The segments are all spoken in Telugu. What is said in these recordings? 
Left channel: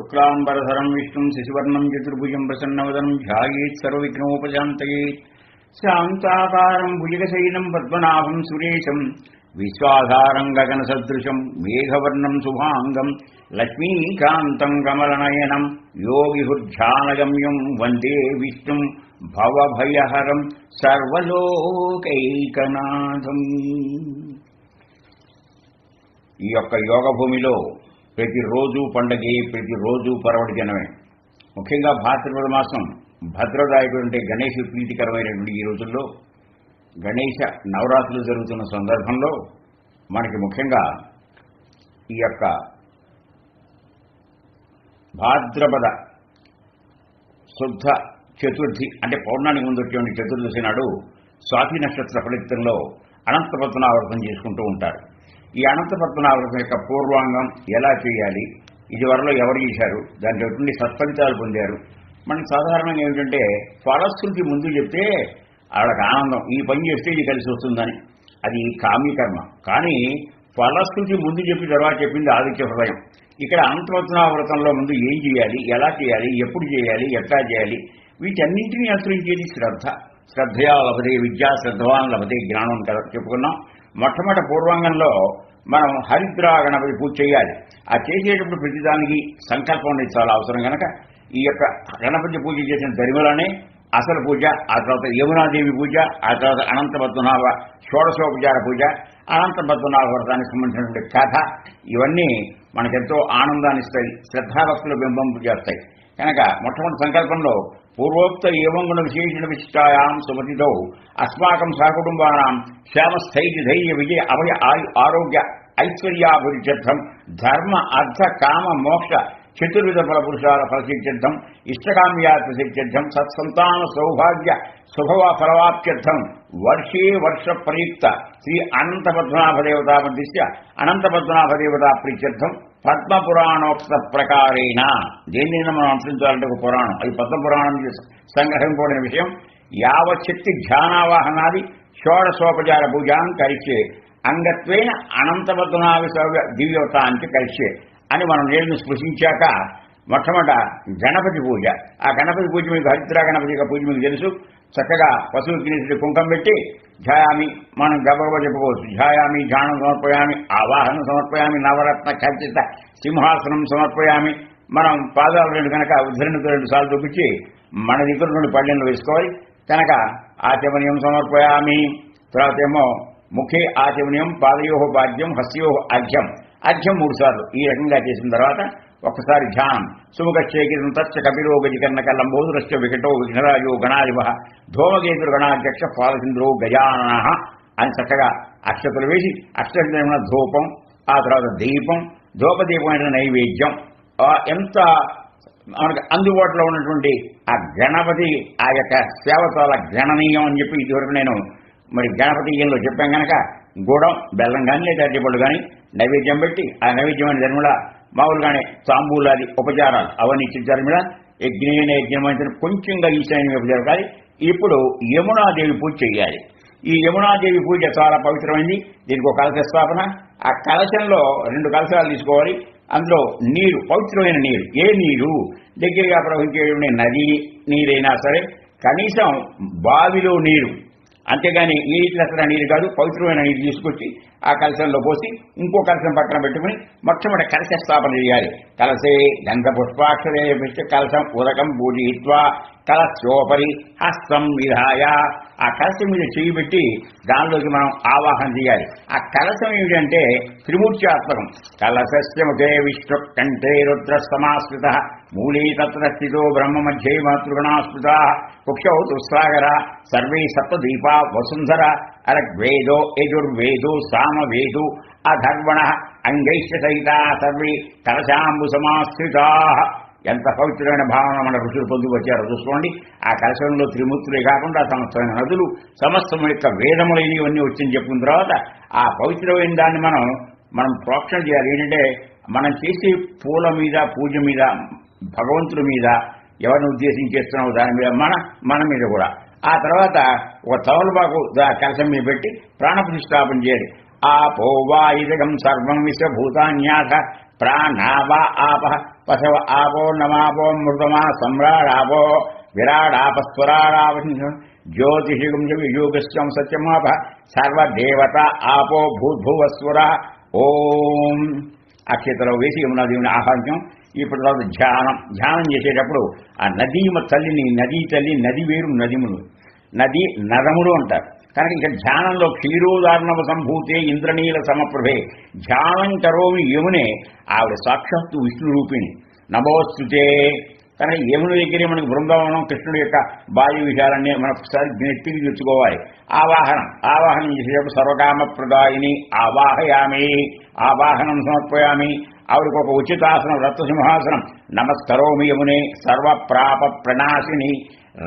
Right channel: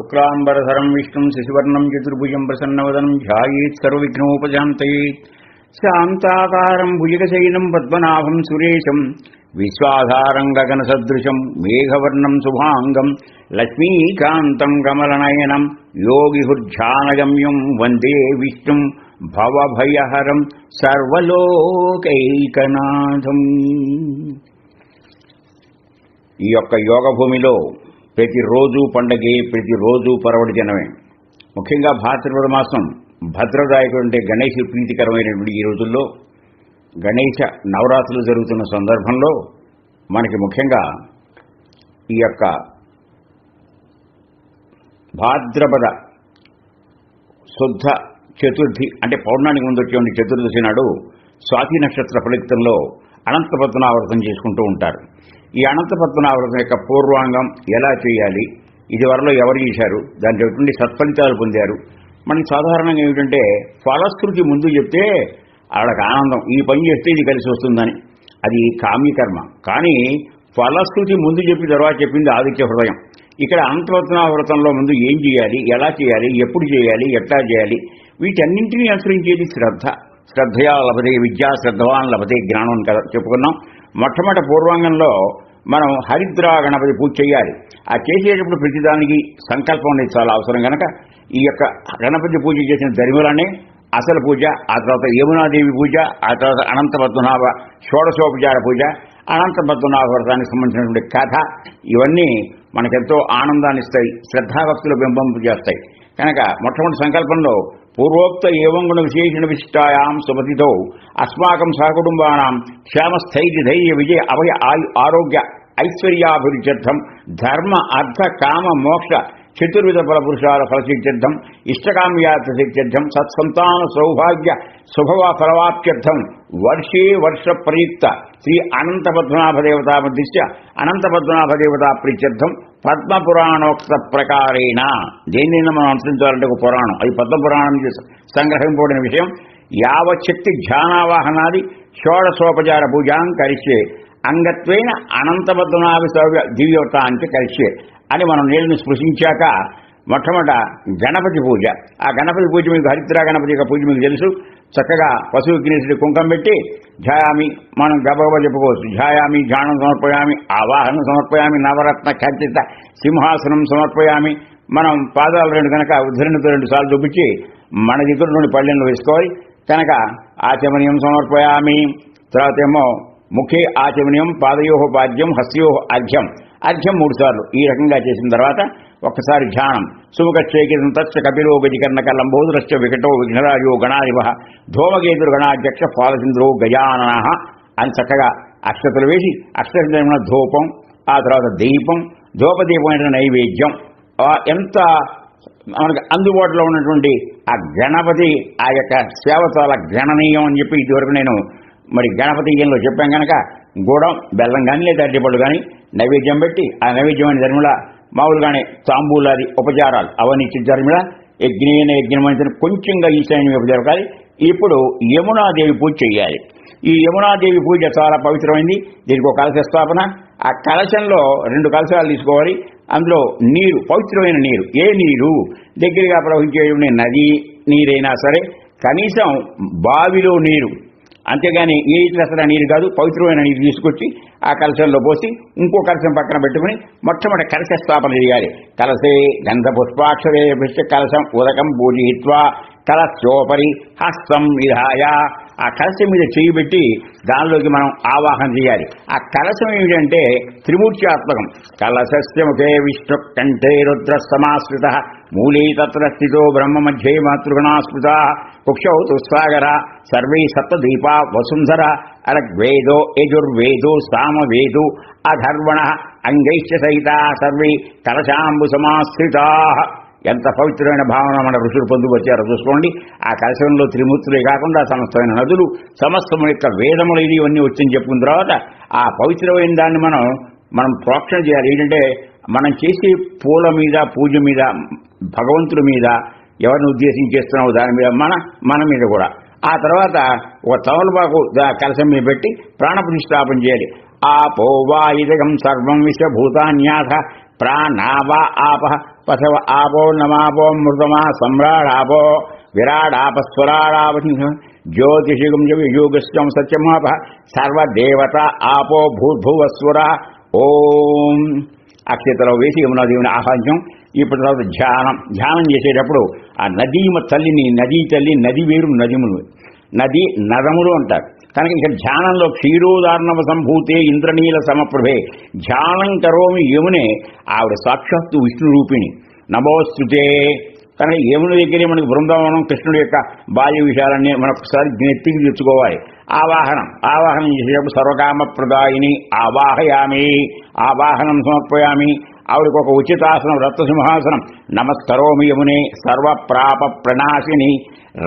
శుక్లాంబరధరం విష్ణుం శశివర్ణం చతుర్భుజం ప్రసన్నవదనం ధ్యాయేత్ సర్వవిఘ్నోపశాంతయేత్ శాంతాకారం భుజగశయనం పద్మనాభం సురేశం విశ్వాధారం గగనసదృశం మేఘవర్ణం శుభాంగం లక్ష్మీకాంతం కమలనయనం యోగిహుర్ధ్యానగమ్యం వందే విష్ణుం భవభయహరం సర్వలోకైకనాథం. ఈ యొక్క యోగ భూమిలో ప్రతిరోజు పండగే, ప్రతిరోజు పర్వదినమే. ముఖ్యంగా భాద్రపద మాసం భద్రదాయకుడు అంటే గణేష్ ప్రీతికరమైనటువంటి ఈ రోజుల్లో గణేశ నవరాత్రులు జరుగుతున్న సందర్భంలో మనకి ముఖ్యంగా ఈ యొక్క భాద్రపద శుద్ధ చతుర్థి అంటే పౌర్ణానికి ముందు వచ్చే చతుర్దశి నాడు స్వాతి నక్షత్ర ఫలితంలో అనంత పద్మనాభవ్రతం చేసుకుంటూ ఉంటారు. ఈ అనంత పద్మనాభవ్రతం యొక్క పూర్వాంగం ఎలా చేయాలి, ఇదివరలో ఎవరు చేశారు, దాంట్లో ఎటువంటి సత్ఫలితాలు పొందారు. మనం సాధారణంగా ఏమిటంటే ఫలశ్రుతి ముందు చెప్తే వాళ్ళకి ఆనందం, ఈ పని చేస్తే ఇది కలిసి వస్తుందని. అది కామ్యకర్మ. కానీ ఫలశ్రుతి ముందు చెప్పి తర్వాత చెప్పింది ఆదిత్య హృదయం. ఇక్కడ అనంతపద్మనాభవ్రతంలో ముందు ఏం చేయాలి, ఎలా చేయాలి, ఎప్పుడు చేయాలి, ఎట్లా చేయాలి, వీటన్నింటినీ అనుసరించేది శ్రద్ధ. శ్రద్ధయా లభతే విద్యా, శ్రద్ధవాన్ లభతే జ్ఞానం కదా చెప్పుకున్నాం. మొట్టమొదటి పూర్వాంగంలో మనం హరిద్రా గణపతి పూజ చేయాలి. ఆ చేసేటప్పుడు ప్రతిదానికి సంకల్పం అనేది చాలా అవసరం కనుక ఈ యొక్క గణపతి పూజ చేసిన ధర్మలనే అసలు పూజ, ఆ తర్వాత యమునాదేవి పూజ, ఆ తర్వాత అనంత పద్మనాభ షోడశోపచార పూజ, అనంత పద్మనాభ వ్రతానికి సంబంధించినటువంటి కథ, ఇవన్నీ మనకెంతో ఆనందాన్ని ఇస్తాయి, శ్రద్ధాభక్తులు బింబింపు చేస్తాయి. కనుక మొట్టమొదటి సంకల్పంలో పూర్వోక్త ఏవం గుణ విశేషణ విశిష్టాయాం సుమతితో అస్మాకం సహకుటుంబానాం క్షేమస్థైర్య ధైర్య విజయ అభయ ఆరోగ్య ఐశ్వర్యాభివృద్ధ్యర్థం ధర్మ అర్థ కామ మోక్ష చతుర్విధ ఫలపురుషాల ఫలసిద్ధ్యర్థం ఇష్టకామ్యార్థ సిద్ధ్యర్థం సత్సంతాన సౌభాగ్య శుభవ ఫలవాప్త్యర్థం వర్షే వర్ష ప్రయుక్త శ్రీ అనంత పద్మనాభ దేవతా మధ్య అనంత పద్మనాభ దేవతా ప్రీత్యర్థం పద్మపురాణోక్త ప్రకారేణ. దేన్నైనా మనం అనుసరించాలంటే ఒక పురాణం, అది పద్మపురాణం సంగ్రహింపబడిన విషయం. యావచ్చక్తి ధ్యానావాహనాది షోడశోపచార పూజాం కరిష్యే అంగత్వేన అనంత పద్మనాభ దివ్యవతాంచ కరిష్యే అని మనం నేలను స్పృశించాక మొట్టమొదట గణపతి పూజ. ఆ గణపతి పూజ మీకు హరిద్రా గణపతి యొక్క పూజ మీకు తెలుసు. చక్కగా పశువుకి తినేసి కుంకం పెట్టి ఝాయామి, మనం గబగబా చెప్పుకోవచ్చు. ఝాయామి, ఝానం సమర్పయామి, ఆవాహనం సమర్పయామి, నవరత్న ఖచ్చిత సింహాసనం సమర్పయామి. మనం పాదాలు రెండు కనుక ఉద్ధరణతో 2 సార్లు చూపించి మన దగ్గర నుండి పళ్ళెంలో వేసుకోవాలి. కనుక ఆచమనీయం సమర్పయామి. తర్వాత ఏమో ముఖే ఆచమనీయం, పాదయోహ పాద్యం, హస్యోహ అర్ఘ్యం. అర్ఘ్యం 3 సార్లు. ఈ రకంగా చేసిన తర్వాత ఒక్కసారి ధ్యానం. సుముఖేకితం తచ్చ కపిలో గజకర్ణక లంబోదరశ్చ వికటో విఘ్నరాయో గణాధిప ధూమకేతురు గణాధ్యక్ష పాలసింద్రో గజానన అని చక్కగా అక్షతలు వేసి అక్షతమైన ధూపం, ఆ తర్వాత దీపం, ధూపదీపమైన నైవేద్యం, ఎంత మనకు అందుబాటులో ఉన్నటువంటి ఆ గణపతి ఆ యొక్క సేవ చాలా గణనీయం అని చెప్పి ఇదివరకు నేను మరి గణపతిలో చెప్పాం కనుక గూడం, బెల్లం కానీ లేదా అరటిపళ్ళు కానీ నైవేద్యం పెట్టి ఆ నైవేద్యమైన ధర్మిళ మామూలుగానే తాంబూలాది ఉపచారాలు అవన్నీ ఇచ్చిన ధర్మిళ యజ్ఞమైన యజ్ఞమైన కొంచెంగా ఈశాన్య ఉపచారాలు. ఇప్పుడు యమునాదేవి పూజ చేయాలి. ఈ యమునాదేవి పూజ చాలా పవిత్రమైంది. దీనికి ఒక కలశ స్థాపన. ఆ కలశంలో 2 కలశాలు తీసుకోవాలి. అందులో నీరు, పవిత్రమైన నీరు. ఏ నీరు? దగ్గరగా ప్రవహించే నది నీరైనా సరే, కనీసం బావిలో నీరు, అంతేగాని ఏ ఇతర నీరు కాదు, పవిత్రమైన నీరు తీసుకొచ్చి ఆ కలశంలో పోసి ఇంకో కలశం పక్కన పెట్టుకుని మొట్టమొదటి కలశ స్థాపన చేయాలి. కలశే గంధ పుష్పాక్షరే కలశం ఉదకం పూజయిత్వా కలశోపరి హస్తం విధాయ. ఆ కలశం మీద చేయి పెట్టి దానిలోకి మనం ఆవాహన చేయాలి. ఆ కలశం ఏమిటంటే త్రిమూర్త్యాత్మకం. కలశస్య ముఖే విష్ణు కంఠే రుద్ర సమాశ్రిత మూలే తత్ర స్థితో బ్రహ్మ మధ్యే మాతృగణాస్మృతా కుక్షౌ తుస్సాగర సర్వే సప్తదీపా వసుంధర అరగ్వేదో యజుర్వేదో సామవేదో అధర్వణ అంగైశ్చ సహితా సర్వే కలశాంబు సమాశ్రితా. ఎంత పవిత్రమైన భావన మన ఋషులు పొందుకొచ్చారో చూసుకోండి. ఆ కలశంలో త్రిమూర్తులే కాకుండా సమస్తమైన నదులు, సమస్తం యొక్క వేదములు ఇవన్నీ వచ్చింది చెప్పుకున్న తర్వాత ఆ పవిత్రమైన దాన్ని మనం ప్రోక్షణ చేయాలి. ఏంటంటే మనం చేసే పూల మీద, పూజ మీద, భగవంతుడి మీద ఎవరిని ఉద్దేశించి చేస్తున్నామో దాని మీద, మన మీద కూడా. ఆ తర్వాత ఒక తమలపాకు కలశం మీద పెట్టి ప్రాణప్రతిష్ఠాపన చేయాలి. ఆపో వాయుదగం సర్వం విశ్వభూతాన్యాథ ప్రాణావ ఆప పశవ ఆపో నమాపో మృతమా సమ్రాడాపో విరాడాపస్వరాడాప జ్యోతిషిగం యోగశ్చం సత్యమాప సర్వదేవత ఆపో భూర్భువస్వర. ఓం అక్షతలో వేసి యమునాదేవిని ఆహ్వానించాం. ఇప్పుడు తర్వాత ధ్యానం చేసేటప్పుడు ఆ నదీమ తల్లిని, నదీ తల్లి, నది వేరు నదిములు, నది నదములు అంటారు. కనుక ఇక ధ్యానంలో క్షీరోదార్ణవ సంభూతే ఇంద్రనీల సమప్రభే ధ్యానం కరోమి యమునే, ఆవిడ సాక్షాత్తు విష్ణు రూపిణి. నమోస్తుతే. కనుక యముని దగ్గరే మనకి బృందావనం కృష్ణుడి యొక్క బాల్య విషయాలన్నీ మనొకసారి నెత్తికి తెచ్చుకోవాలి. ఆవాహనం చేసేటప్పుడు సర్వకామ ప్రదాయిని ఆవాహయామి, ఆవాహనం సమర్పయామి. ఆవిడకు ఒక ఉచితాసనం రత్నసింహాసనం. నమస్కరోమి యమునే సర్వప్రాప ప్రణాశిని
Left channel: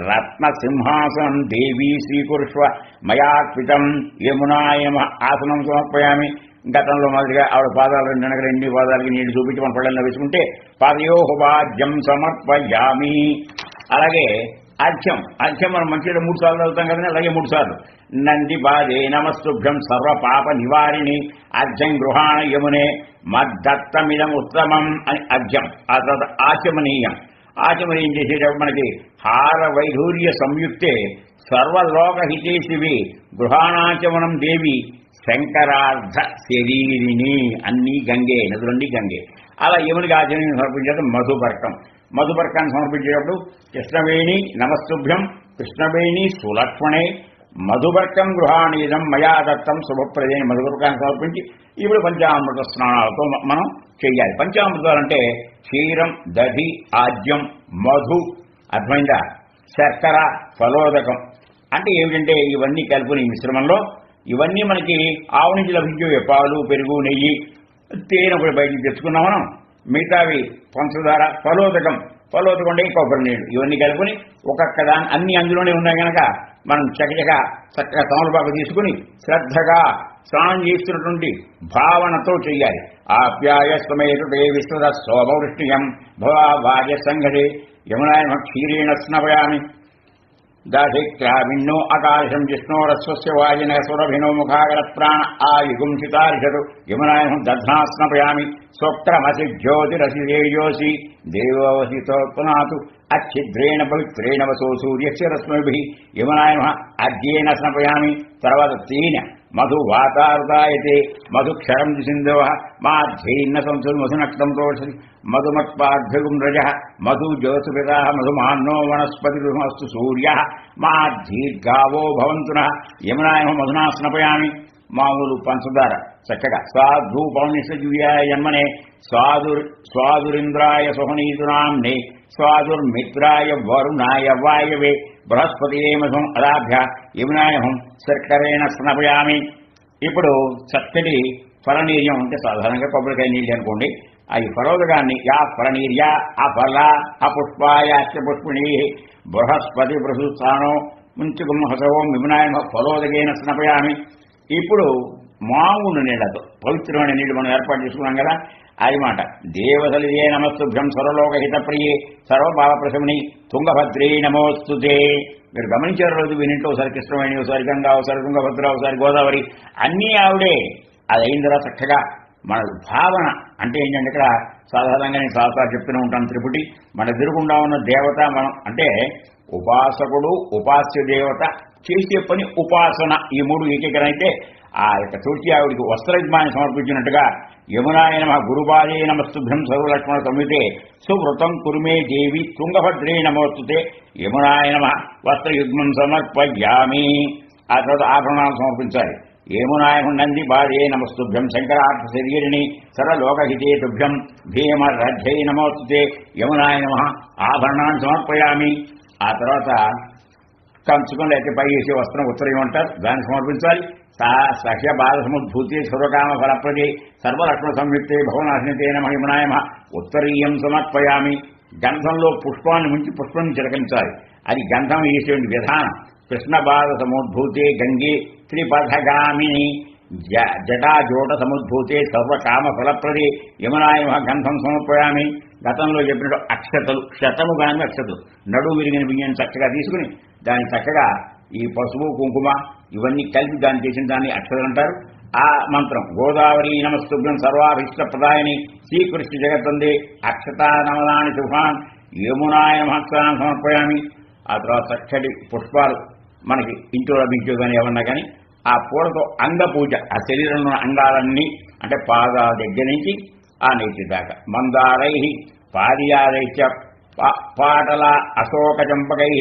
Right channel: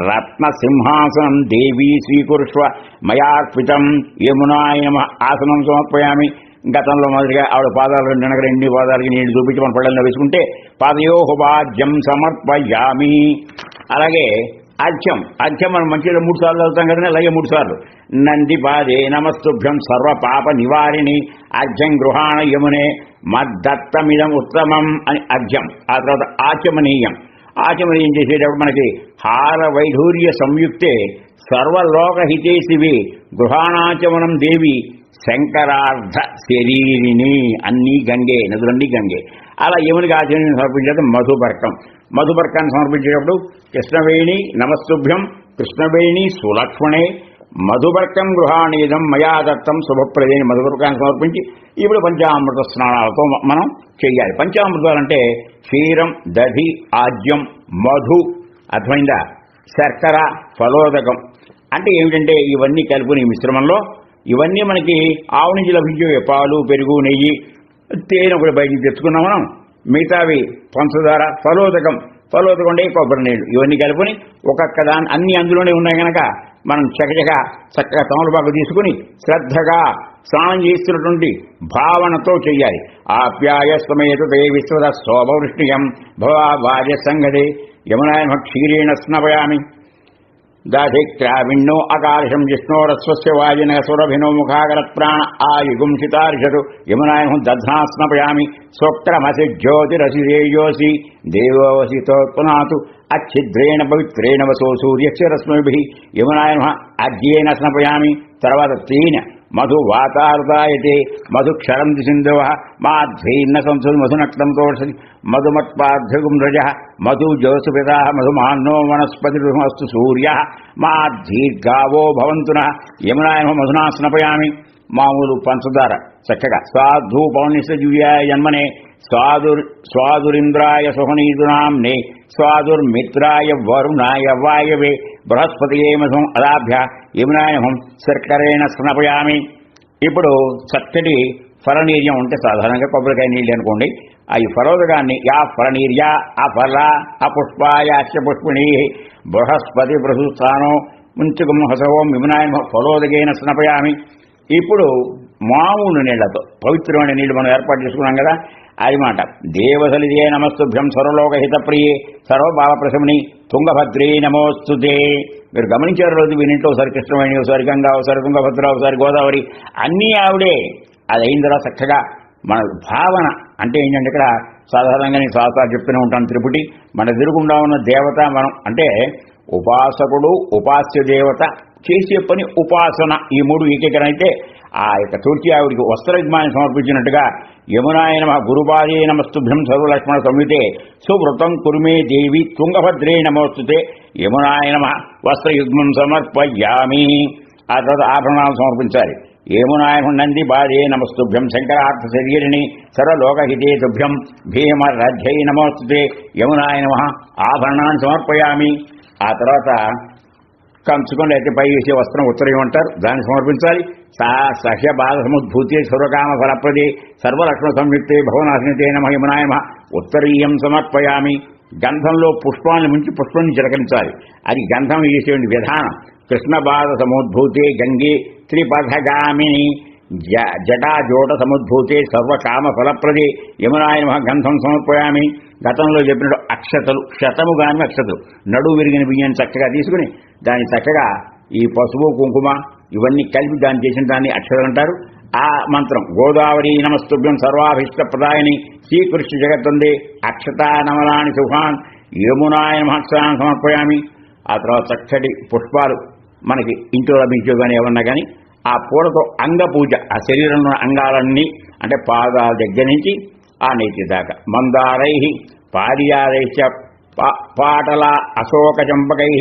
రత్నసింహాసనం దేవీ స్వీకురుష్వ మయార్పితం యమునాయమ ఆసనం సమర్పయామి. గతంలో మొదటిగా ఆవిడ పాదాలు రెండు పాదాలకి నీళ్లు చూపించి మన పళ్ళల్లో వేసుకుంటే పాదయోహవాద్యం సమర్పయామి. అలాగే అర్ఘ్యం మనం మంచిగా 3 సార్లు చదువుతాం కదండి, అలాగే 3 సార్లు. నంది పాదే నమస్తుభ్యం సర్వ పాప నివారిణి అర్ఘ్యం గృహాణ యమునే మద్దత్తమిదం ఉత్తమం అని అర్ఘ్యం. ఆ తర్వాత ఆచమనీయం చేసేటప్పుడు మనకి హార వైఢూర్య సంయుక్తే సర్వలోకహితేశివి గృహాణాచమనం దేవి శంకరార్ధ శరీరిని. అన్నీ గంగే, నదులన్నీ గంగే. అలా యమునికి ఆచమనం సమర్పించేది మధుపర్కాన్ని సమర్పించేటప్పుడు కృష్ణవేణి నమస్తుభ్యం కృష్ణవేణి సులక్ష్మణే మధుపర్కం గృహాణీదం మయా దత్తం శుభప్రదే. మధుపర్కాన్ని సమర్పించి ఇప్పుడు పంచామృత స్నానాలతో మనం చెయ్యాలి. పంచామృతాలంటే క్షీరం, దధి, ఆజ్యం, మధు, అర్థమైందా, శర్కర, ఫలోదకం. అంటే ఏమిటంటే ఇవన్నీ కలుపుని మిశ్రమంలో ఇవన్నీ మనకి ఆవు నుంచి లభించే పాలు, పెరుగు, నెయ్యి, తేనె కూడా బయటికి తెచ్చుకున్నాం మనం. మిగతావి పంచదార, ఫలోదకం అంటే కొబ్బరి నీళ్ళు, ఇవన్నీ కలుపుని ఒక్కొక్క దాన్ని అన్ని అందులోనే ఉన్నాయి కనుక మనం చక్కగా తమలపాకు తీసుకుని శ్రద్ధగా స్నానం చేస్తున్నటువంటి భావనతో చెయ్యాలి. ఆప్యాయ స్వమేత దే విశ్వద శోభవృష్టియం భవా భార్య సంగడే యమునాయ క్షీరేణ స్నపయామి. దాధిక్రావిణ్ణో అకాశం జిష్ణోరస్వస్య వాజిన సురభినో ముఖాగర ప్రాణ ఆయుగుంషితార్షదు యమునాయ దధ్నా స్నపయామి. స్వక్రమసి జ్యోతిరసిదేయోసి దేవోవసితోత్పునాతు అచ్ఛిద్రేణ పవిత్రేణ వసో సూర్యస్య రశ్మిభిః యమునాయ అర్ఘ్యేన స్నపయామి. తర్వాత తేనె మధు వాతారుదాయతే మధుక్షరంతి సింధవ మాధ్వీన్న సంసుల్ మధునక్తం తోషది మధుమత్పార్థగుం రజ మధు జోసుపితా మధుమాన్నో వనస్పతిమస్తు సూర్య మాధీర్గావో భవంతున యమునాయ మధునా స్నపయామి. మామూలు పంచదార చక్కగా స్వాధూపౌనిషజీవ్యాయ జన్మనే స్వాదురింద్రాయ సుహనీతునాంనే స్వాదుర్మిత్రాయ వరుణాయ వాయవే బృహస్పతియే మధుం అదాభ్య యమునాయహం శర్కరేణ స్నపయామి. ఇప్పుడు చక్కటి ఫలనీర్యం ఉంటే సాధారణంగా కొబ్బరికాయ నీళ్ళు అనుకోండి. ఈ ఫలోదకాన్ని యా ఫలనీర్యా అఫల అపుష్పాయాశ్చ పుష్పిణీ బృహస్పతి ప్రసూత్సానో ముంచుకం హసవం యమునాయ ఫలోదకేన స్నపయామి. ఇప్పుడు మామూలు నీళ్లతో పవిత్రమైన నీళ్లు మనం ఏర్పాటు చేసుకున్నాం కదా, అది మాట. దేవసలిదే నమస్తుభ్యం సర్వలోకహితప్రియే సర్వభావప్రశమని తుంగభద్రే నమోస్తుతే. మీరు గమనించారు రోజు వీరింట్లో ఒకసారి కృష్ణవేణి, ఒకసారి గంగా, ఒకసారి తుంగభద్ర, ఒకసారి గోదావరి, అన్నీ ఆవిడే. అది అయిన తర్వాత చక్కగా మన భావన అంటే ఏంటంటే ఇక్కడ సాధారణంగా నేను సాధారణ చెప్తూనే ఉంటాను, త్రిపుటి మన ఎదురుగుండా ఉన్న దేవత మనం అంటే ఉపాసకుడు, ఉపాస్య దేవత, చేసే పని ఉపాసన, ఈ 3 ఏకీకరణ అయితే ఆ యొక్క తులసి ఆవిడికి వస్త్రజ్ఞానం సమర్పించినట్టుగా యమునాయ నమః గురుపాదే నమస్తుభ్యం సర్వలక్ష్మణ సంయుతే సువృతం కురుమే దేవి తుంగభద్రే నమోస్తుతే యమునాయ నమః వస్త్రయుగ్మం సమర్పయామి. ఆ తర్వాత ఆభరణాలు సమర్పించాలి. యమునాయ నంది పాదే నమస్తుభ్యం శంకరార్థ శరీరిణి సర్వలోకహితే తుభ్యం భీమరథ్యై నమోస్తుతే యమునాయ నమః ఆభరణాన్ని సమర్పయామి. ఆ తర్వాత కంచుకొని అయితే పై వేసే వస్త్రం ఉత్తరం అంటారు, దాన్ని సమర్పించాలి. సహ్య బాధ సముద్భూతే సర్వకామ ఫలప్రదే సర్వలక్ష్మణ సంయుక్తే భవనాశనితే నమః యమునాయ నమః ఉత్తరీయం సమర్పయామి. గంధంలో పుష్పాన్ని మించి పుష్పాన్ని చిలకరించాలి. అది గంధం వేసేటువంటి విధానం. కృష్ణ బాధ సముద్భూతే గంగే త్రిపథగామిని జటాజోట సముద్భూతే సర్వకామ ఫలప్రదే యమునాయ నమః గంధం సమర్పయామి. గతంలో చెప్పినట్టు అక్షతలు, శతము గాని అక్షతలు, నడువు విరిగిన బియ్యాన్ని చక్కగా తీసుకుని దాన్ని చక్కగా ఈ పసుపు, కుంకుమ ఇవన్నీ కలిపి దాన్ని చేసిన దాన్ని అక్షతలు అంటారు. ఆ మంత్రం గోదావరి నమస్తుభ్యం సర్వాభీష్ట ప్రదాయని శ్రీకృష్ణ జగత్తందే అక్షతా నమలాని శుభాన్ యమునాయ మహత్సాన్ని సమర్పయామి. ఆ తర్వాత చక్కటి పుష్పాలు మనకి ఇంట్లో లభించో కానీ ఏమన్నా కానీ ఆ పూలతో అంగ పూజ, ఆ శరీరంలో అంగాలన్నీ అంటే పాదాల దగ్గర నుంచి ఆ నేతి దాకా మందారై పారియారైశ్చ పాటల అశోక చంపకై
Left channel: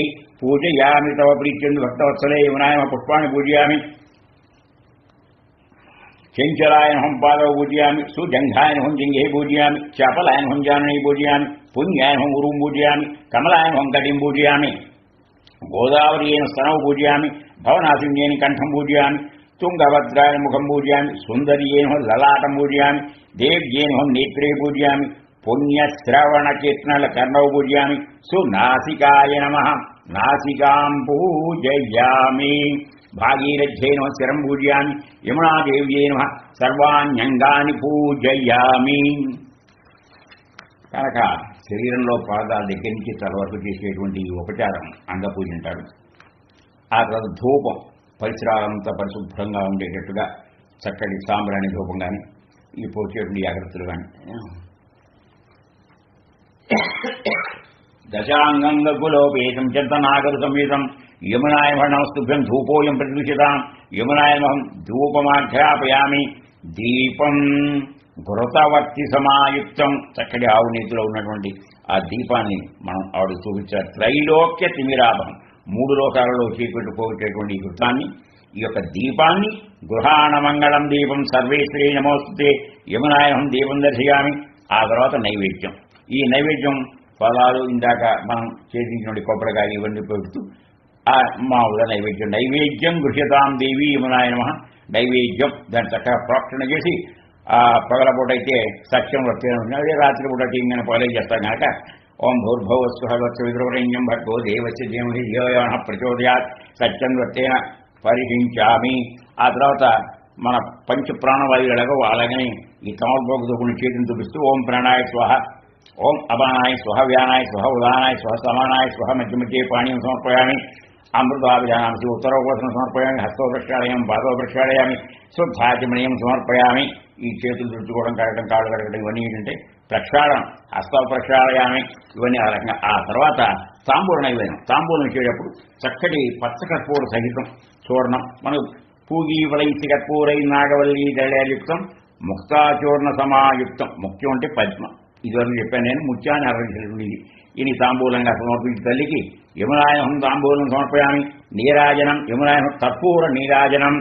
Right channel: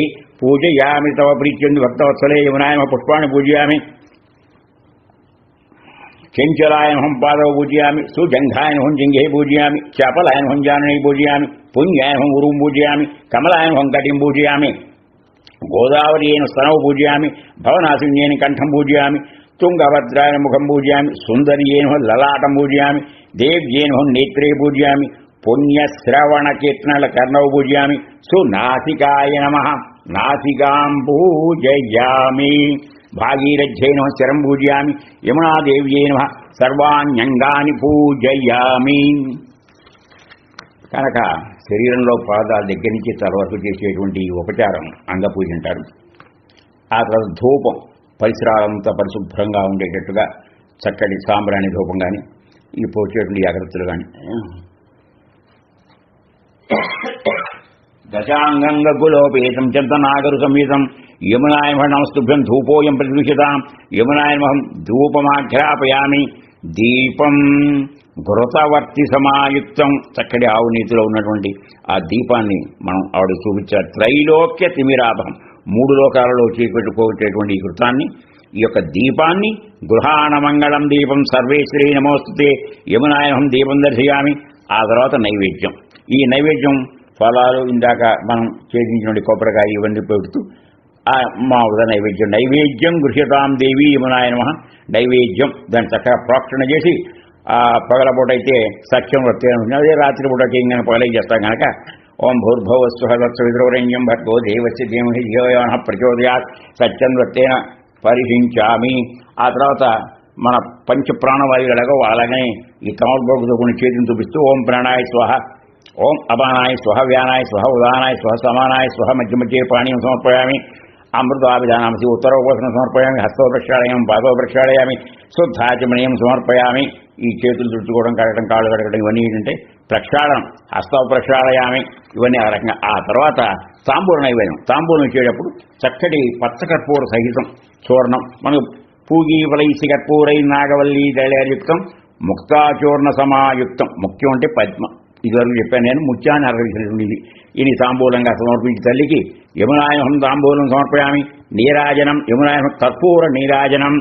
పూజయామి తవ ప్రీత్యందు భక్తవత్సలే యమునాయ పుష్పాన్ని పూజయామి. చెంచలాయనహం పాదవ పూజయామి, సుజంఘాయనహం జింఘే పూజయామి, చపలాయనహం జానై పూజయామి, పుణ్యాయనహం గురుం పూజయామి, కమలాయనహం కటిం పూజయామి, గోదావరియైన స్తనవు పూజయామి, భవనాశిన్యేన కంఠం పూజయామి, తుంగభద్రాయన ముఖం పూజయామి, సుందరియేన లలాటం పూజయామి, దేవ్యేన నేత్రే పూజయామి, పుణ్యశ్రవణ కీర్తనల కర్ణవు పూజయామి, సునాసికాయ నమః నాసికాం పూజయామి, భాగీరథ్యై నమః శరం పూజయామి, యమునాదేవ్యై నమః సర్వాణ్యంగాని పూజయామి. కనుక శరీరంలో పాదాల దగ్గర నుంచి తల వరకు చేసేటువంటి ఉపచారం అంగపూజ అంటారు. ఆ తర్వాత ధూపం పరిసరాలంతా పరిశుభ్రంగా ఉండేటట్టుగా చక్కటి సాంబ్రాణి ధూపం కానీ ఈ పోచేటువంటి జాగ్రత్తలు కానీ దశాంగంగులోపేతం చెద్దనాగరు సమేతం యమునాయ నమస్తుభ్యం ధూపోయం ప్రతిదృశ్యతాం యమునాయమహం ధూపమాఘ్రాపయామి. దీపం ఘృతవర్తి సమాయుక్తం చక్కటి ఆవు నీతిలో ఉన్నటువంటి ఆ దీపాన్ని మనం ఆవిడ చూపించారు. త్రైలోక్య తిమిరాభం 3 లోకాలలో చేపెట్టుకోవచ్చేటువంటి ఈ కృతాన్ని ఈ యొక్క దీపాన్ని గృహాణ మంగళం దీపం సర్వేశ్వరీ నమోస్తుతే యమునాయహం దీపం దర్శయామి. ఆ తర్వాత నైవేద్యం. ఈ నైవేద్యం ఫలాలు ఇందాక మనం చేయించినటువంటి కొబ్బరికాయ ఇవన్నీ పెడుతూ ఆ మామూలుగా నైవేద్యం గృహ్యతాం దేవి యమునాయ నమః నైవేద్యం దాన్ని చక్కగా ప్రోక్షణ చేసి పగలపూట అయితే సత్యం వృత్తి అదే రాత్రి పూట చేయగానే పగలై చేస్తాం కనుక ఓం భూర్భువస్వహత్సవిద్రవరేణ్యం భర్గో దేవస్య ధీమహి ధియో యో నః ప్రచోదయాత్ సత్యం వృత్తేన పరిహించామి. ఆ తర్వాత మన పంచ ప్రాణవాయువులు ఎలాగో అలాగనే ఈ కమలపోగుతో కొన్ని చేతిని చూపిస్తూ ఓం ప్రాణాయ స్వహ, ఓం అపానాయ స్వహ, వ్యానాయ స్వహ, ఉదానాయ స్వహ, సమానాయ స్వహ, మధ్య మధ్య పాణీయం సమర్పయామి. అమృతాభిధానాంసి ఉత్తరోపసనం సమర్పయామి. హస్తో ప్రక్షాళయామి, పాదో ప్రక్షాళయామి, శుద్ధాచమనీయం సమర్పయామి. ఈ చేతులు తుడుచుకోవడం, కడగడం, కాళ్ళు కడగడం ఇవన్నీ ఏంటంటే ప్రక్షాళనం. హస్త ప్రక్షాళయామి ఇవన్నీ ఆ రకంగా. ఆ తర్వాత తాంబూల నైవేద్యం. తాంబూలం ఇచ్చేటప్పుడు చక్కటి పచ్చకర్పూర సహితం చూర్ణం, మనకు పూగి వలైసి కర్పూరై నాగవల్లి దళయుక్తం ముక్తాచూర్ణ సమాయుక్తం. ముఖ్యం అంటే పద్మ. ఇదివరకు చెప్పాను నేను, ముత్యాన్ని అర్పించినటువంటి ఇది తాంబూలంగా సమర్పించి తల్లికి యమునాయహం తాంబూలం సమర్పయామి. నీరాజనం యమునాయహం కర్పూర నీరాజనం.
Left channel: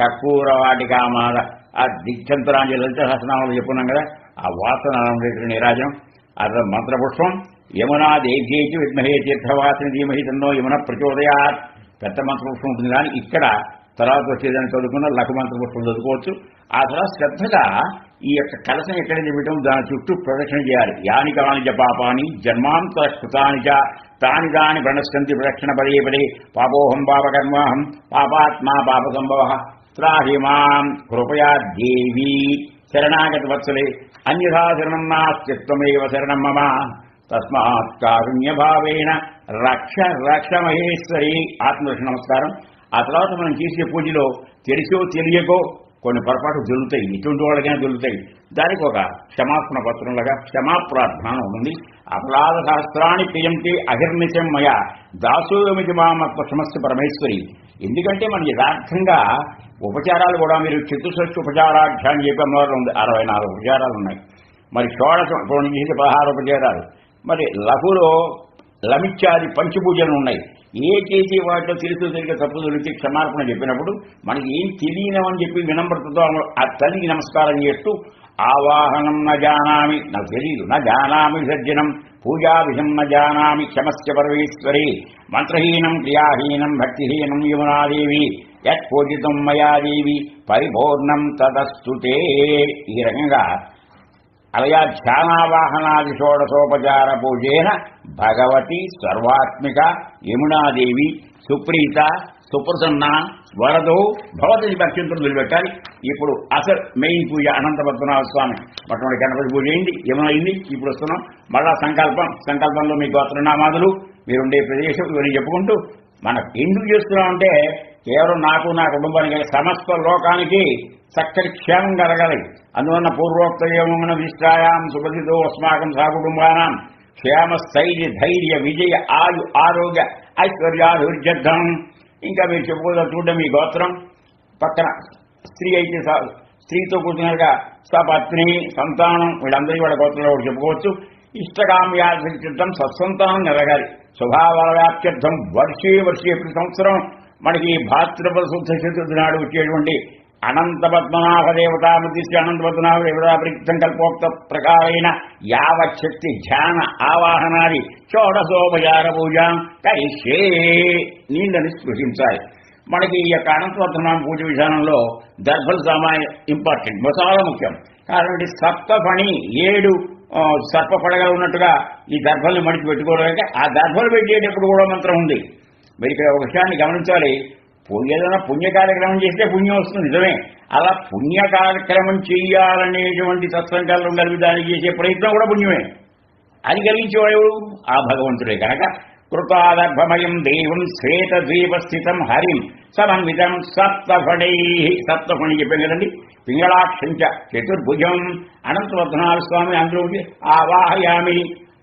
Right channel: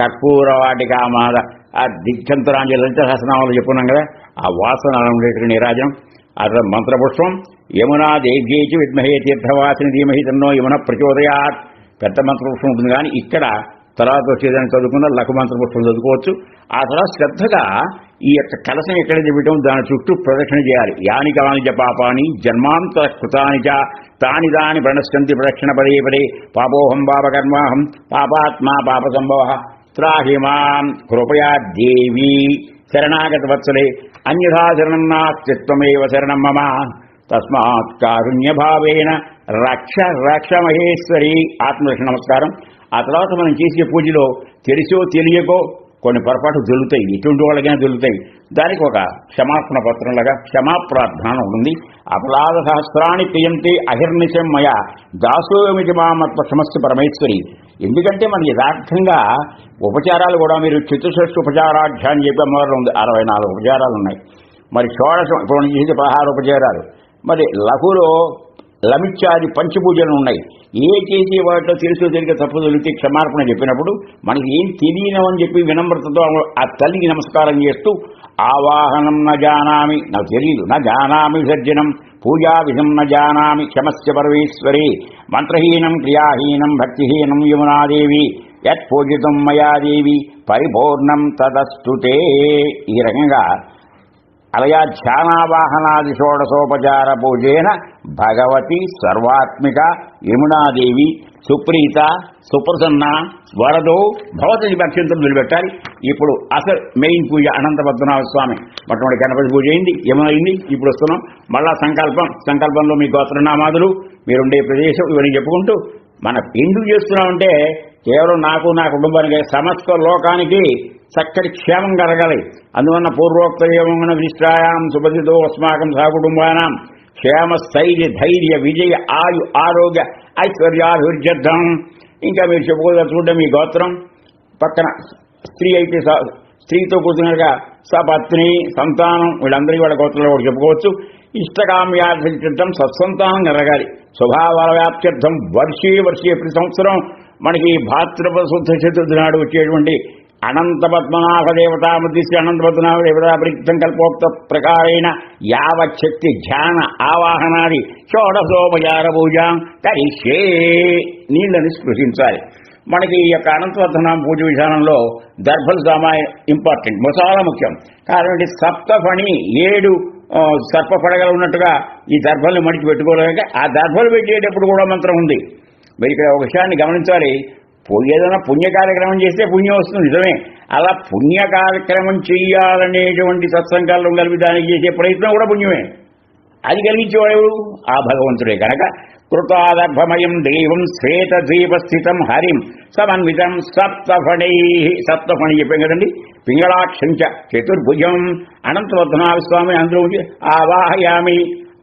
కర్పూర వాటికామాద ఆ దిక్షంతరాంజలి లలిత సహస్రనామాలు చెప్పుకున్నాం కదా, ఆ వాసన ఉండేటువంటి నీరాజనం. ఆ మంత్రపుష్పం యమునా దేవ్యేచి విద్మహే తీర్థవాసిని ధీమహి తన్నో యమున ప్రచోదయాత్. పెద్ద మంత్రపుష్పం ఉంటుంది కానీ ఇక్కడ తర్వాత వచ్చేదాన్ని చదువుకున్న లఘు మంత్రపుష్పం చదువుకోవచ్చు. ఆ తర్వాత శ్రద్ధగా ఈ యొక్క కలశం ఎక్కడైతే పెట్టామో దాని చుట్టూ ప్రదక్షిణ చేయాలి. యాని కాని జపాపాని జన్మాంతర కృతాని చ తాని దాని ప్రణశ్యంతి ప్రదక్షిణ పదే పదే. పాపోహం పాపకర్మాహం పాపాత్మా పాప సంభవ త్రాహి మాం కృపయా దేవి శరణాగత వత్సలే అన్యథా శరణం నాస్తిత్వమేవ శరణం మమ తస్మాత్ కారుణ్యభావేన రక్ష రక్ష మహేశ్వరి. ఆత్మరక్ష నమస్కారం. ఆ తర్వాత మనం చేసే పూజలో తెలిసో తెలియకో కొన్ని పొరపాటు జరుగుతాయి, ఇటువంటి వాళ్ళకైనా జరుగుతాయి. దానికి ఒక క్షమాపణ పత్రంలాగా క్షమాప్రార్థన ఉంటుంది. అపరాధ సహస్రాన్ని క్రియంతే అహిర్నిశం మయ దాసోమితి మామత్వ సమస్య పరమేశ్వరి. ఎందుకంటే మన యథార్థంగా ఉపచారాలు కూడా మీరు చతుషష్ఠి ఉపచారాఢ్యాన్ని చెప్పి అమ్మవారు ఉంది. 64 ఉపచారాలు ఉన్నాయి. మరి షోడశం ఇప్పుడు చేసే 16 ఉపచారాలు. మరి లఘులో లమిత్యాది పంచపూజలు ఉన్నాయి. ఏ చేసే వాటిలో తెలుసో తెలియక తప్పు దొరికితే క్షమార్పణ చెప్పినప్పుడు మనకి ఏం తెలియనని చెప్పి వినమ్రతతో ఆ తల్లికి నమస్కారం చేస్తూ ఆవాహనం న జానామి, నాకు తెలియదు, నా జానామి విసర్జనం, పూజా విధం న జానామి, క్షమస్య పరమేశ్వరి, మంత్రహీనం క్రియాహీనం భక్తిహీనం యమునాదేవి, యత్ పూజితం మయాదేవి పరిపూర్ణం తదస్తుతే. ఈ రకంగా అలయా ధ్యానావాహనాది షోడశోపచార పూజేన భగవతి సర్వాత్మిక యమునాదేవి సుప్రీత సుప్రసన్న వరదో భవతి భక్ష్యంతో నిలబెట్టాలి. ఇప్పుడు అసలు మెయిన్ పూజ అనంత పద్మనాభ స్వామి మొట్టమొదటి గణపతి పూజ అయింది, యమున అయింది. ఇప్పుడు వస్తున్నాం మళ్ళా సంకల్పంలో మీ గోత్రనామాదులు, మీరుండే ప్రదేశం ఇవన్నీ చెప్పుకుంటూ మనం ఎందుకు చేస్తున్నామంటే కేవలం నాకు నా కుటుంబానికి సమస్త లోకానికి చక్కటి క్షేమం కలగాలి. అందువల్ల పూర్వోక్త ఏమన్న విష్టాయాం సుపథితో అస్మాకం సహకుటుంబానాం క్షేమ స్థైర్య ధైర్య విజయ ఆయు ఆరోగ్య ఐశ్వర్యాభివృద్ధ్యర్థం. ఇంకా మీరు చెప్పుకోదలుచుకుంటే మీ గోత్రం పక్కన స్త్రీ అయితే స్త్రీతో కూర్చున్నగా సపత్ని సంతానం వీళ్ళందరికీ వాళ్ళ గోత్రంలో కూడా చెప్పుకోవచ్చు. ఇష్టకామ్యార్థం సత్సంతానం కలగాలి. స్వభావాల వ్యాప్త్యర్థం వర్షే ప్రతి సంవత్సరం మనకి భాద్రపద శుద్ధ చతుర్థి నాడు వచ్చేటువంటి అనంత పద్మనాభ దేవతాముద్దిశ్య అనంత పద్మనాభ దేవతా ప్రీతం కల్పోక్త ప్రకారైన యావచ్చక్తి ధ్యాన ఆవాహనాది షోడశోపచార పూజ కరిష్యే. నీళ్ళని స్పృశించాలి. మనకి ఈ యొక్క అనంత పద్మనాభ పూజ విధానంలో దర్భల సామాయ ఇంపార్టెంట్, చాలా ముఖ్యం. కాబట్టి సప్తఫణి 7 సర్ప పడగలు ఉన్నట్టుగా ఈ దర్భల్ని మడిచి పెట్టుకోవడానికి ఆ దర్భలు పెట్టేటప్పుడు కూడా మంత్రం ఉంది. మరి ఇక్కడ ఒక విషయాన్ని గమనించాలి. ఏదైనా పుణ్య కార్యక్రమం చేస్తే పుణ్యం వస్తుంది, నిజమే. అలా పుణ్య కార్యక్రమం చెయ్యాలనేటువంటి సత్సంకల్పం కలిపి దానికి చేసే ప్రయత్నం కూడా పుణ్యమే. అది కలిగించేవాడు ఆ భగవంతుడే. కనుక కృతాదర్భమయం దేవం శ్వేత ద్వీపస్థితం హరిం సమన్వితం సప్తఫణై. సప్తఫణి చెప్పాం కదండి. పింగళాక్షంచ చతుర్భుజం అనంతపద్మనాభ స్వామి అందులో ఆవాహయామి.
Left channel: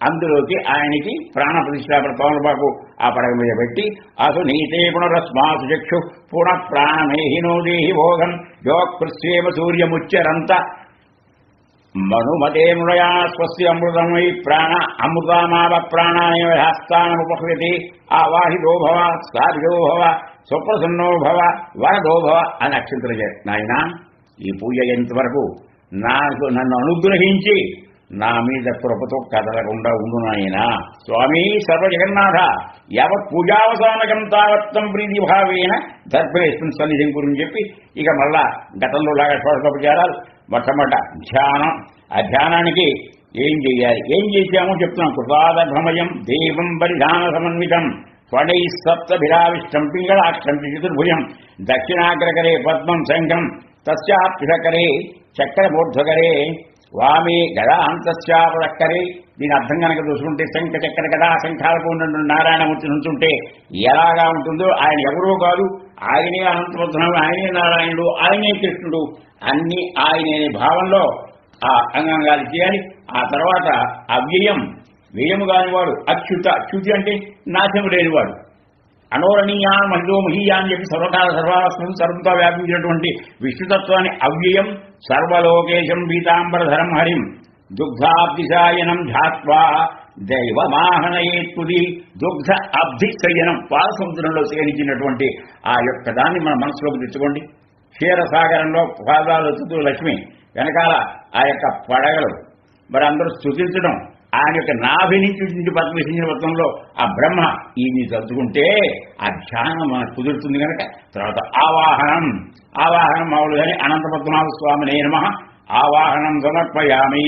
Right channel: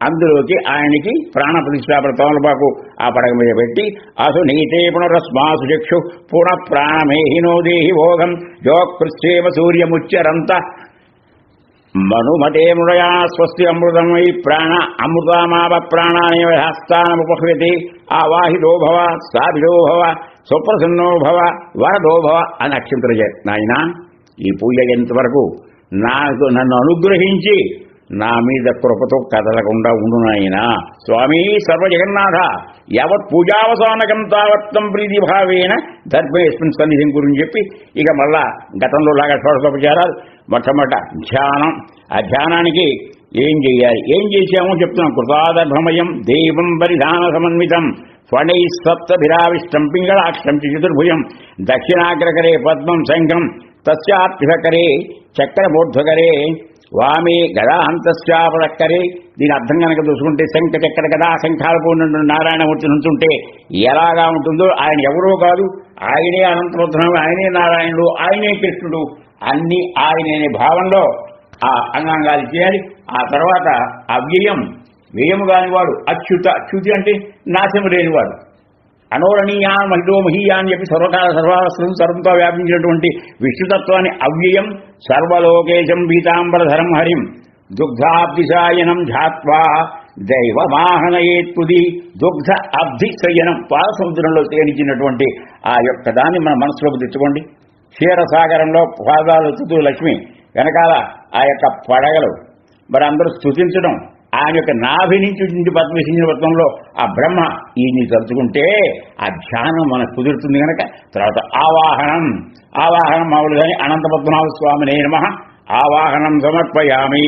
అందులోకి ఆయనకి ప్రాణ ప్రతిష్టాపన తమలపాకు ఆ పడగ మీద పెట్టి అసు నీతే పునరస్మాసు చక్షు పునః ప్రాణమేహినో దేహి భోగం యోకృష్యేమ సూర్యముచ్చరంత మనుమతే మృడయా స్వస్తి అమృతమై ప్రాణ అమృతమావ ప్రాణానేవ హస్తానముపహ్యతి ఆవాహితో భవ స్థాపితో భవ సుప్రసన్నో భవ వరదో భవ అని అక్షంతలు నాయన ఈ పూజ ఎంతవరకు నన్ను అనుగ్రహించి నా మీద కృపతో కదలకుండా ఉండు నాయనా. స్వామి సర్వజగన్నాథ యావత్ పూజావసానకం తావత్తం ప్రీతి భావేన దర్భేస్మిన్ సన్నిధిని గురించి చెప్పి ఇక మళ్ళా గతంలో లాగా షోడశోపచారాలు. మొట్టమొదట ధ్యానం. ఆ ధ్యానానికి ఏం చేయాలి, ఏం చేశామో చెప్తున్నాం. కృతాదర్భమయం దేవం పరిధాన సమన్వితం ఫణై సప్తభిరావిష్టం పింగళాక్షం చతుర్భుజం దక్షిణాగ్రకరే పద్మం శంఖం తస్యాప్తికరే చక్రబోర్ధ్వకరే వామే గదా అంతశ్చాపడక్కరే. దీని అర్థం కనుక చూసుకుంటే శంఖ చక్ర గదా శంఖాలు పూర్ణ నారాయణమూర్తి నుంచుంటే ఎలాగా ఉంటుందో ఆయన ఎవరో కాదు, ఆయనే అనంతపద్మనాభుడు, ఆయనే నారాయణుడు, ఆయనే కృష్ణుడు, అన్ని ఆయనే భావంలో ఆ అంగాంగాలు చేయాలి. ఆ తర్వాత అవ్యయం, వ్యయము కానివాడు అచ్యుత. అచ్యుతి అంటే నాశము లేనివాడు. అనోరణీయా మహిళో మహీయా అని చెప్పి సర్వకాల సర్వాస్త్రం సర్వంతో వ్యాపించినటువంటి విష్ణుతత్వాన్ని అవ్యయం సర్వలోకేశం పీతాంబరధరం హరిం దుగ్ధాబ్దిశాయనం ఝాత్వా దైవమాహనయేత్తుది. దుగ్ధ అబ్ధి శయనం పాలసముద్రంలో శయనించినటువంటి ఆ యొక్క దాన్ని మన మనసులోకి తెచ్చుకోండి. క్షీరసాగరంలో పాదాలు ఎత్తుతూ లక్ష్మి, వెనకాల ఆ యొక్క పడగలు, మరి అందరూ స్తుతించడం, ఆయన యొక్క నాభి నుంచి పద్మసించిన పత్రంలో ఆ బ్రహ్మ ఈయన్ని తలుచుకుంటే ఆ ధ్యానం మనకు కుదురుతుంది. కనుక తర్వాత ఆవాహనం. ఆవాహనం మామూలుగానే అనంత పద్మనాభ స్వామినే నమః ఆవాహనం సమర్పయామి.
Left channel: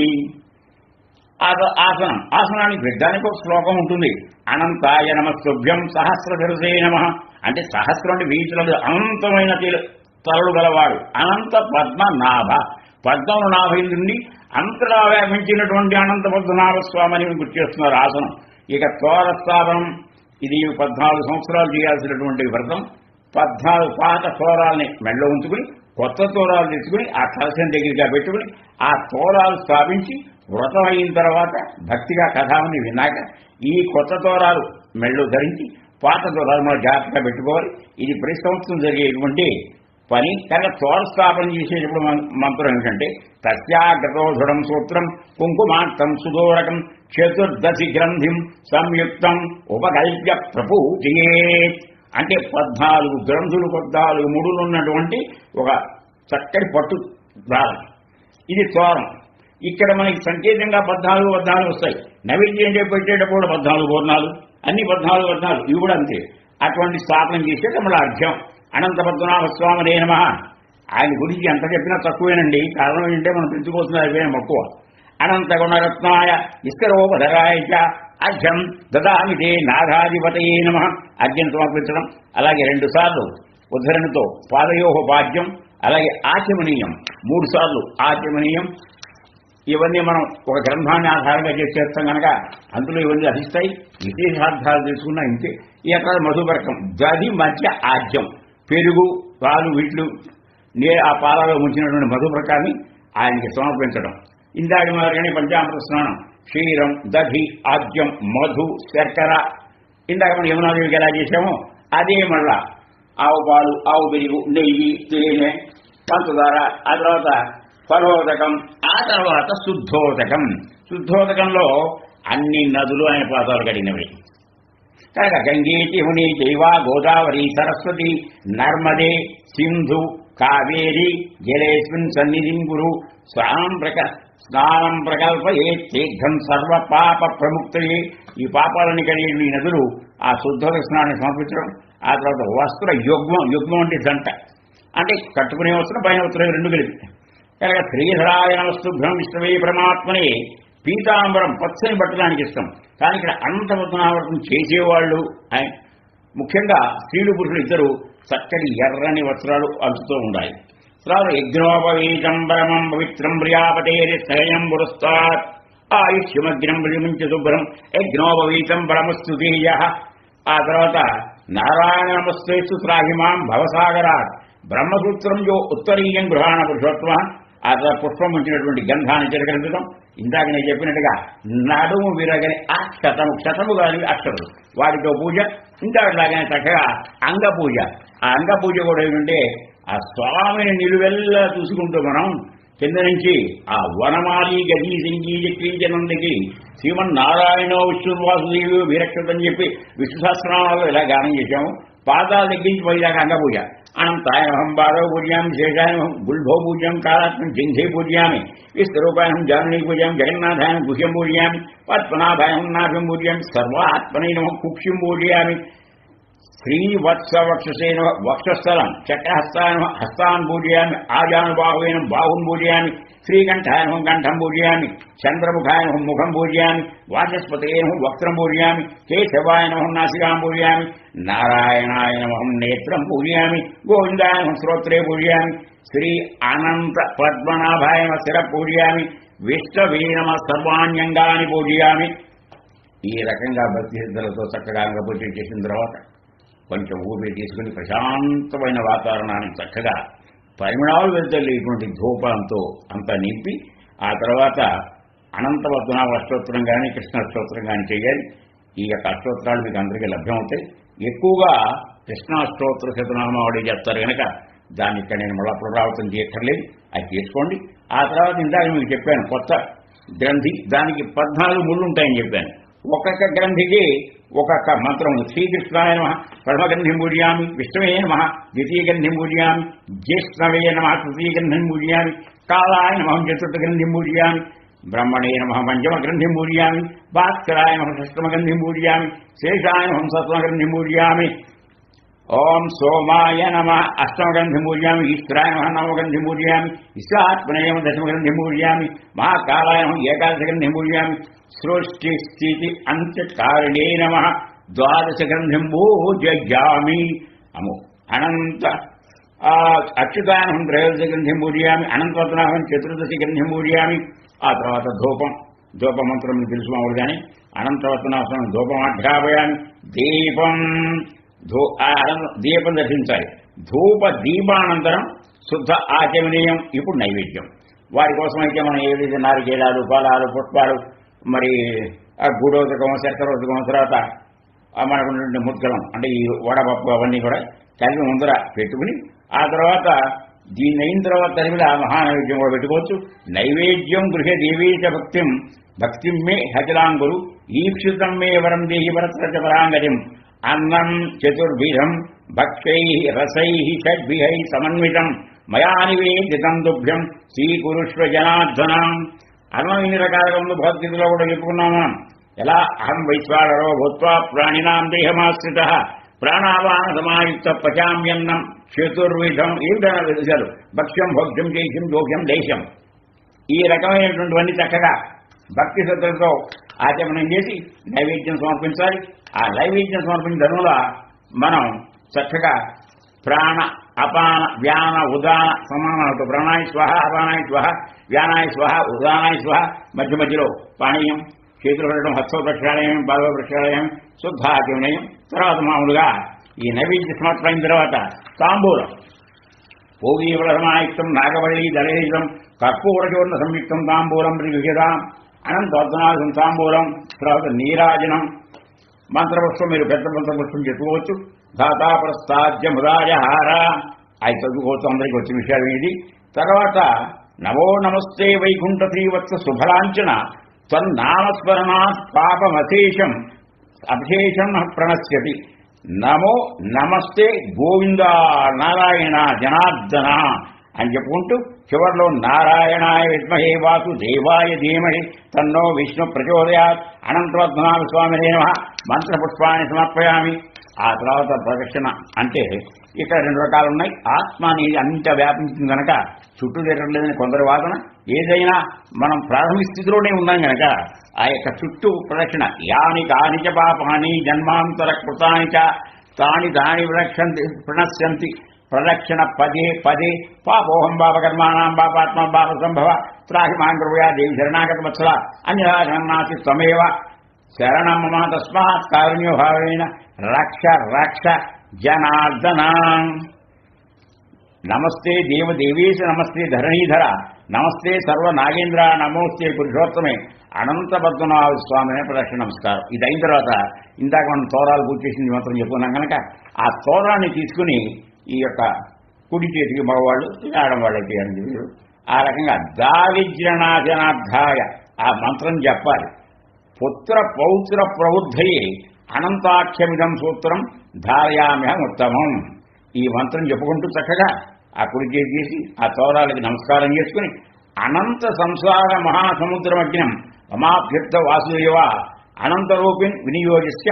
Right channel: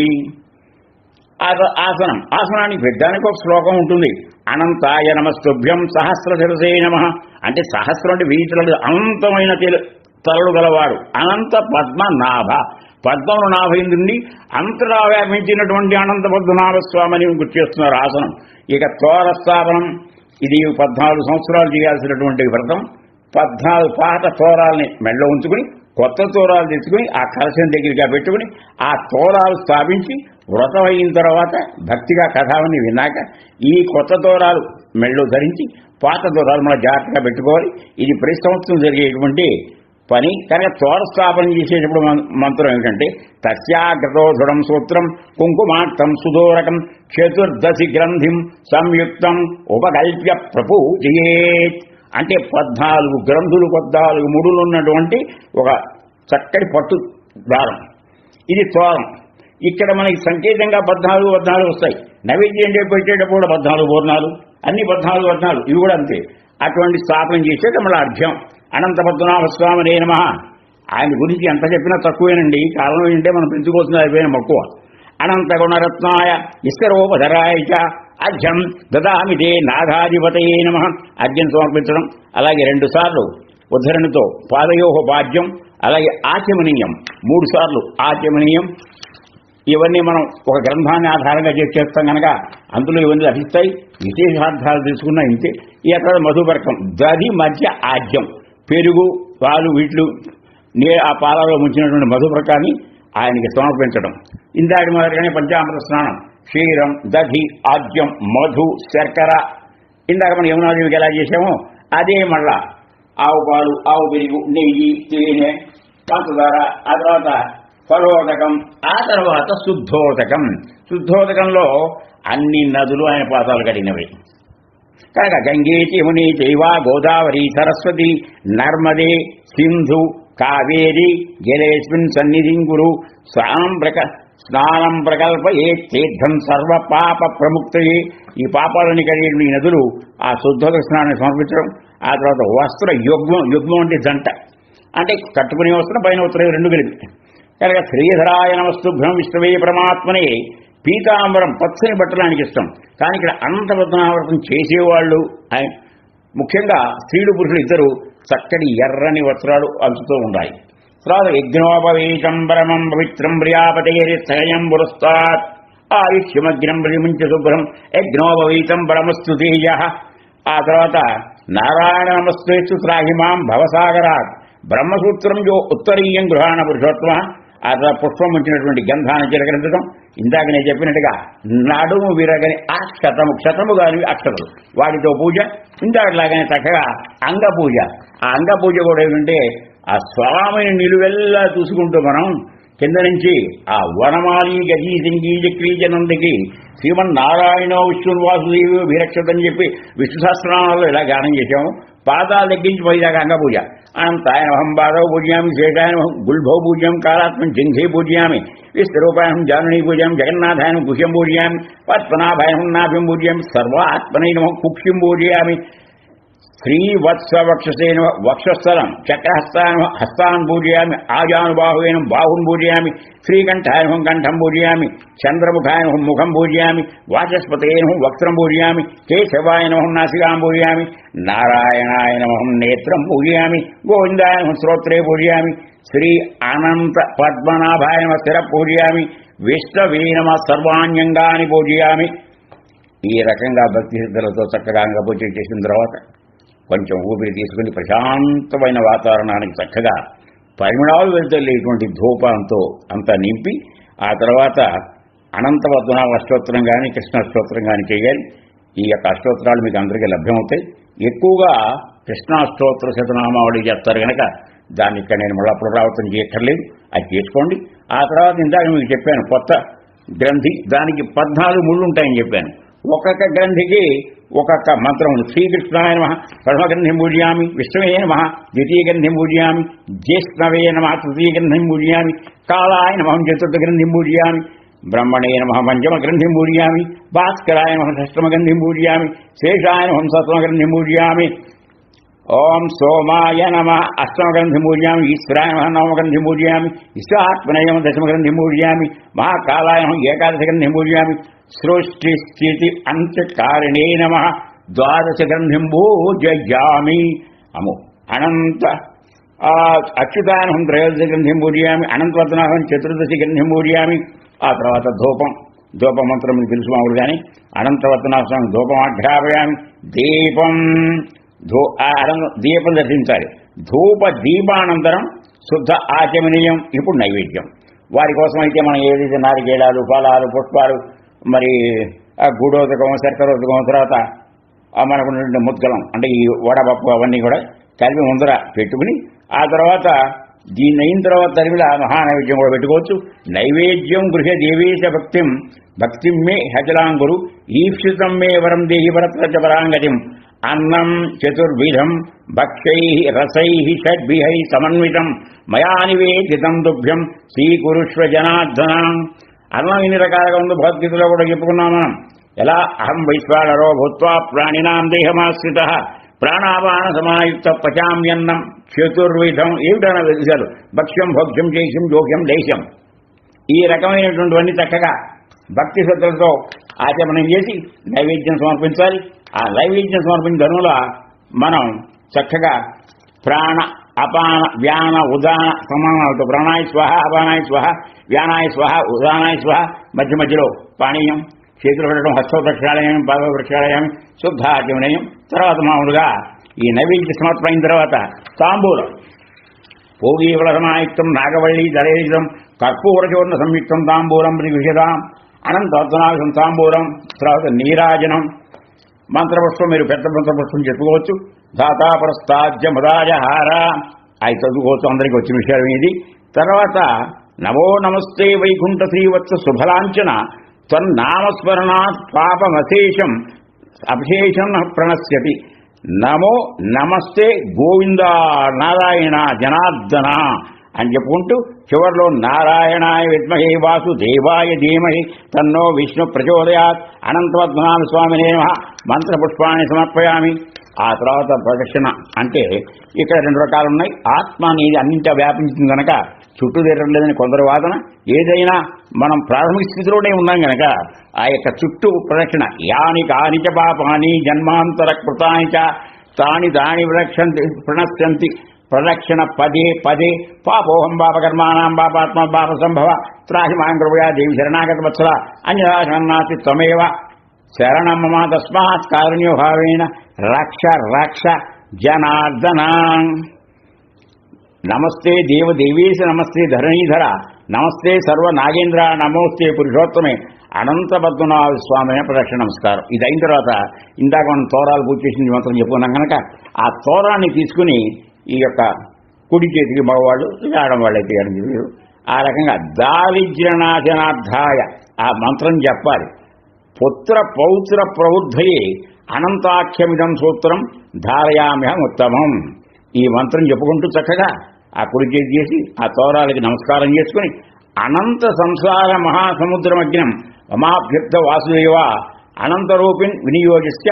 ఆసనం. ఆసనానికి పెట్టడానికి ఒక శ్లోకం ఉంటుంది. అనంతాయ నమస్తుభ్యం సహస్రశిరసే నమః. అంటే సహస్రం అంటే 1000 తలలు, అనంతమైన తలలు గలవాడు అనంత పద్మనాభ. పద్మను 40 నుండి అంతటా వ్యాపించినటువంటి అనంత పద్మనాభ స్వామిని గుర్తు చేస్తున్నారు ఆసనం. ఇక తోరస్థాపనం. ఇది 14 సంవత్సరాలు చేయాల్సినటువంటి వ్రతం. 14 పాత తోరాలని మెడలో ఉంచుకుని కొత్త తోరాలు తెచ్చుకుని ఆ కలశం దగ్గరగా పెట్టుకుని ఆ తోరాలు స్థాపించి వ్రతం అయిన తర్వాత భక్తిగా కథావని విన్నాక ఈ కొత్త తోరాలు మెడలో ధరించి పాత తోరాలు మనం జాగ్రత్తగా పెట్టుకోవాలి. ఇది ప్రతి సంవత్సరం జరిగేటువంటి పని. కనుక తోర స్థాపన చేసేటప్పుడు మంత్రం ఏమిటంటే తస్యాగ్రతో దృఢం సూత్రం కుంకుమార్థం సుదూరకం చతుర్దశి గ్రంథిం సంయుక్తం ఉపకల్ప్య ప్రపూజయేత్. అంటే 14 గ్రంథులు 14 ముడులు ఉన్నటువంటి ఒక చక్కటి పట్టు దారం. ఇది తోరం. ఇక్కడ మనకి సంకేతంగా 14 వస్తాయి. నైవేద్యం పెట్టేటప్పుడు 14 పూర్ణాలు, అన్ని 14 ఇవి కూడా అంతే. అటువంటి స్థాపన చేసేది మళ్ళీ అర్ఘ్యం. అనంత పద్మనాభ స్వామినే నమః. ఆయన గురించి ఎంత చెప్పినా తక్కువేనండి. కారణం ఏంటంటే మనం పెంచుకోవాల్సిన అయిపోయాం మక్కువ. అనంత గుణరత్నాయ ఇస్తరోపధరాయ చ అర్ఘ్యం దదామితే నాథాధిపతయే నమః. అర్ఘ్యం సమర్పించడం. అలాగే 2 సార్లు ఉద్ధరణితో పాదయోపాద్యం. అలాగే ఆచమనీయం 3 సార్లు ఆచమనీయం. ఇవన్నీ మనం ఒక గ్రంథాన్ని ఆధారంగా చేస్తాం కనుక అందులో ఇవన్నీ లభిస్తాయి. విశేషార్థాలు తెలుసుకున్నా ఇంతే. ఈ అక్కడ మధుపర్కం దది మధ్య ఆజ్యం, పెరుగు పాలు వీట్లు ఆ పాలలో ముంచినటువంటి మధుప్రకాన్ని ఆయనకి సమర్పించడం. ఇందాటి మొదలుగానే పంచామృత స్నానం, క్షీరం, దధి, ఆద్యం, మధు, శర్కర, ఇందాక మనం యమునాదేవికి ఎలా చేశామో అదే మళ్ళా ఆవు పాలు, ఆవు పెరుగు, నెయ్యి, తేనె, పంచదార, ఆ తర్వాత ఫలోదకం, ఆ తర్వాత శుద్ధోదకం. శుద్ధోదకంలో అన్ని నదులు ఆయన పాదాలు కడిగినవి కనుక గంగేతి యముని చైవ గోదావరి సరస్వతి నర్మదే సింధు కావేరి జలేస్మిన్ సన్నిధిం గురు స్నానం ప్రకల్పయే తీర్థం సర్వ పాప ప్రముక్తయే. ఈ పాపాలని కడిగే ఈ నదులు ఆ శుద్ధోదక స్నానాన్ని సమర్పించడం. ఆ తర్వాత వస్త్ర యుగ్మం, యుగ్మం అంటే జంట, అంటే కట్టుకునే వస్త్రం పైన వస్త్రం రెండు కలిపి కనుక శ్రీధరాయన వస్తుభ్యం విష్ణవే పరమాత్మనే పీతాంబరం, పచ్చని బట్టలానికి ఇష్టం. కానీ ఇక్కడ అనంతపద్మనాభవ్రతం చేసేవాళ్ళు ముఖ్యంగా స్త్రీలు పురుషులు ఇద్దరు చక్కటి ఎర్రని వస్త్రాలు అంచుతూ ఉండాలి. తర్వాత యజ్ఞోపవీతం పరమం పవిత్రం ప్రియాపతేరిస్తయం పురస్తాత్ ఆయుష్యమగ్నం ప్రతిమించ శుభ్రం యజ్ఞోపవీతం పరమస్తు తేజ. ఆ తర్వాత నారాయణమస్తు త్రాహిమాం భవసాగరాత్ బ్రహ్మసూత్రం యో ఉత్తరీయం గృహాణ పురుషోత్తమ. ఆ తర్వాత పుష్పం ఉంచినటువంటి గంధాన్ని చిలకరించడం. ఇందాక నేను చెప్పినట్టుగా నడుము విరగని క్షతము కాని అక్షతలు, వాటితో పూజ. ఇందాకలాగానే చక్కగా అంగపూజ. ఆ అంగపూజ కూడా ఏంటంటే ఆ స్వామిని నిలువెల్లా చూసుకుంటూ మనం కింద నుంచి ఆ వనమాలి గజీ సింగీజ క్రీజనందకి శ్రీమన్నారాయణ విష్ణువాసుదేవి విరక్షతని చెప్పి విష్ణు సహస్రనామాలు ఇలా గానం చేశాము. పాదాలు తగ్గించి పైదాకా అంగపూజ. అనంతాయనహం బాధవ పూజయామి, శేషాయనహం గుల్భో పూజ్యం, కాళాత్మం జింఘే పూజయామి, విస్తరూపాయనం జానుని పూజయామి, జగన్నాథాయనం గుహ్యం పూజయామి, పద్మనాభాయనం నాభిం పూజయామి, సర్వాత్మనైనమం కుక్షిం పూజయామి, శ్రీవత్సవక్షసేన వక్షస్థలం, చక్రహస్తాయన హస్తాన్ పూజయామి, ఆజానుబాహువేనం బాహుం పూజయామి, శ్రీకంఠాయనం కంఠం పూజయామి, చంద్రముఖాయనం ముఖం పూజయామి, వాచస్పతేన వక్త్రం పూజయామి, కేశవాయనం నాసికాం పూజయామి, నారాయణాయనమహం నేత్రం పూజయామి, గోవిందాయనం శ్రోత్రే పూజయామి, శ్రీ అనంత పద్మనాభాయన శిర పూజయామి, విష్ణవే నమః సర్వాణ్యంగాని పూజయామి. ఈ రకంగా భక్తి శ్రద్ధలతో చక్కగా అంగపూజ చేసిన తర్వాత కొంచెం ఊపిరి తీసుకుని ప్రశాంతమైన వాతావరణానికి చక్కగా పరిమళాలు వెళ్తలేటువంటి ధూపంతో అంతా నింపి ఆ తర్వాత అనంత పద్మనాభ అష్టోత్తరం కానీ కృష్ణ అష్టోత్తరం కానీ చేయాలి. ఈ యొక్క అష్టోత్తరాలు మీకు అందరికీ లభ్యమవుతాయి. ఎక్కువగా కృష్ణాష్టోత్తర శతనామావళి చేస్తారు కనుక దాన్ని ఇక్కడ నేను మళ్ళీ పునరావృతం చేయక్కర్లేదు, అది చేసుకోండి. ఆ తర్వాత ఇందాక మీకు చెప్పాను కొత్త గ్రంథి, దానికి 14 ముళ్ళు ఉంటాయని చెప్పాను. ఒక్కొక్క గ్రంథికి ఒక్కొక్క మంత్రం. శ్రీకృష్ణాయ నమః పరమగ్రంథిం పూజయామి, విష్ణవే నమః ద్వితీయ గ్రంథిం పూజయామి, జ్యేష్ఠవే నమః తృతీయ గ్రంథిం పూజయామి, కాళాయ నమః చతుర్థ గ్రంథిం పూజయామి, బ్రహ్మణే నమః పంచమ గ్రంథిం పూజయామి, భాస్కరాయ నమః షష్టమ గ్రంథిం పూజయామి, శేషాయ నమః సప్తమ గ్రంథిం పూజయామి, ఓం సోమాయ నమః అష్టమ గ్రంథిం పూజయామి, ఈశ్వరాయ నమః నవమ గ్రంథిం పూజయామి, ఈశ్వరాత్మనేయ నమః దశమ గ్రంథిం పూజయామి, మహాకాలాయ నమః ఏకాదశ గ్రంథిం పూజయామి, సృష్టి స్థితి అంత్యకారిణే నమః ద్వాదశ గ్రంథిం పూజయామి. అము అనంత అచ్యుతాయనహం త్రయోదశ గ్రంథిం పూజయామి, అనంతపద్మనాభం చతుర్దశి గ్రంథిం పూజయామి. ఆ తర్వాత ధూప మంత్రం మీకు తెలుసు మామూలుగానే. అనంతపద్మనాభం ధూపం ఆఘ్రాపయామి. దీపం దర్శించాలి. ధూప దీపానంతరం శుద్ధ ఆచమనీయం. ఇప్పుడు నైవేద్యం. వారి కోసం అయితే మనం ఏదైతే నారికేళాలు, ఫలాలు, పుష్పాలు, మరి గూడోదకం, శర్కరోదకం, తర్వాత మనకు ముద్గలం అంటే ఈ వడపప్పు అవన్నీ కూడా కలిపి ముందర పెట్టుకుని ఆ తర్వాత దీన్ని అయిన తర్వాత తరిమిది ఆ మహానైవేద్యం కూడా పెట్టుకోవచ్చు. నైవేద్యం గృహ దేవేశ భక్తిం మే హజలాంగురు ఈప్సితం మే వరం దేహి భరత పరాంగతిం. అన్నం చతుర్విధం భక్షై రసై షడ్భిహై సమన్వితం మయా నివేదితం తుభ్యం స్వీకురుష్వ జనార్దన. అన్నం ఇన్ని రకాలుగా ఉంది, భగవద్గీతలో కూడా చెప్పుకున్నాం మనం. ఎలా అహం వైశ్వానరో భూత్వా ప్రాణినాం దేహమాశ్రిత ప్రాణాపాన సమాయుక్త పచామ్యన్నం చతుర్విధం. ఏమిటన్నా విషయాలు? భక్ష్యం, భోక్ష్యం, చేష్యం, జోక్యం, లేశం. ఈ రకమైనటువంటివన్నీ చక్కగా భక్తి శ్రద్ధలతో ఆచమనం చేసి నైవేద్యం సమర్పించాలి. ఆ నైవేద్యం సమర్పించిన ధనుల మనం చక్కగా ప్రాణ, అపాన, వ్యాన, ఉదాన సమానాలతో ప్రాణాయ స్వహ, అపానాయ స్వహ, వ్యానాయ స్వహ, ఉదానాయ స్వహ, మధ్య మధ్యలో పానీయం, చేతులు పెట్టడం, హస్త ప్రక్షాళయం, పాద ప్రక్షాళయం, శుద్ధ ఆచమనయం. తర్వాత మామూలుగా ఈ నైవేద్య సమర్పణ అయిన తర్వాత తాంబూలం. భోగీవలసమాయుక్తం నాగవల్లి దళేశం కర్పూరచూర్ణ సంయుక్తం తాంబూలం విషదాం అనంతోత్తనాశం తాంబూలం, తర్వాత నీరాజనం. మంత్రపుష్పం మీరు పెద్ద మంత్రపుష్పం చెప్పుకోవచ్చు. దాతాపరస్తాజ్య ముదాజహార అది చదువుకోవచ్చు, అందరికీ వచ్చిన విషయం ఇది. తర్వాత నమో నమస్తే వైకుంఠ శ్రీవత్స శుభలాంఛన త్వన్నామస్మరణాత్ పాపమశేషం అభిశేషం ప్రణశ్యతి. నమో నమస్తే గోవింద నారాయణ జనార్దన అని చెప్పుకుంటూ చివరిలో నారాయణాయ విద్మహే వాసుదేవాయ ధీమహి తన్నో విష్ణు ప్రచోదయాత్ అనంతపద్మనాభ స్వామినే నమః మంత్రపుష్పాన్ని సమర్పయామి. ఆ తర్వాత ప్రదక్షిణ అంటే ఇక్కడ రెండు రకాలు ఉన్నాయి. ఆత్మ అనేది అన్నింటా వ్యాపించింది కనుక చుట్టూ తిరగలేదని కొందరు వాదన. ఏదైనా మనం ప్రాథమిక స్థితిలోనే ఉన్నాం కనుక ఆ యొక్క చుట్టూ ప్రదక్షిణ యాని కానిచ పాపాని జన్మాంతర కృతాని చ తాని దాని ప్రణశ్యంతి ప్రదక్షిణ పదే పదే పాపోహం పాపకర్మాణం పాపాత్మ పాప సంభవ త్రాహి మాం కృపయా దేవి శరణాగత వత్సల అంజనాశనాసి త్వమేవ శరణం మమ తస్మాత్ కారుణ్య భావేన రక్ష రక్ష జనార్దన. నమస్తే దేవదేవేశ నమస్తే ధరణీధర నమస్తే సర్వ నాగేంద్ర నమోస్తే పురుషోత్తమే అనంత పద్మనాభ స్వామి ప్రదక్షిణ నమస్కారం. ఇది అయిన తర్వాత ఇందాక మనం తోరాలు పూజ చేసింది మంత్రం చెప్పుకున్నాం కనుక ఆ తోరాన్ని తీసుకుని ఈ యొక్క కుడి చేతికి మగవాళ్ళు ఆడవాళ్ళు అయితే ఆ రకంగా దారిద్ర్యనాశనార్థాయ ఆ మంత్రం చెప్పాలి. పుత్ర పౌత్ర ప్రబుద్ధయే అనంతాఖ్యమిదం సూత్రం ధారయామ్యహం ఉత్తమం. ఈ మంత్రం చెప్పుకుంటూ చక్కగా ఆ కుడి చేతి చేసి ఆ తోరాలకి నమస్కారం చేసుకుని అనంత సంసార మహాసముద్రమగ్నం మమాభ్యుక్త వాసుదేవ అనంతరూపిణి వినియోగిస్య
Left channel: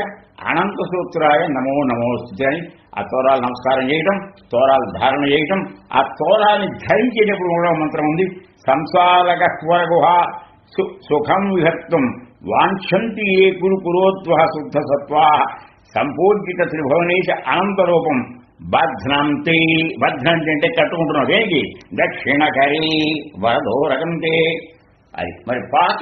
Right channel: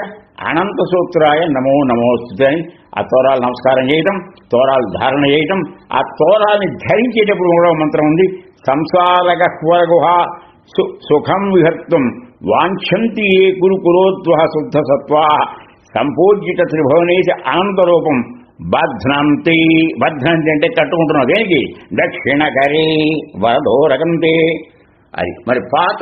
అనంత సూత్రాయ నమో నమోస్తుతే అని ఆ తోరాలు నమస్కారం చేయటం, తోరాలు ధారణ చేయటం. ఆ తోరాన్ని ధరించేటప్పుడు కూడా మంత్రం ఉంది. సంసారగహ్వరగుహ సుఖం విహర్తం వాంఛంతి ఏ కురు కురోద్వహ శుద్ధ సత్వా సంపూర్జిత త్రిభువనేశ అనంతరూపం బధ్నంతి. బధ్నంతి అంటే తట్టుకుంటున్నావు దేనికి దక్షిణకరే వరదోరకంతే. అది మరి పాత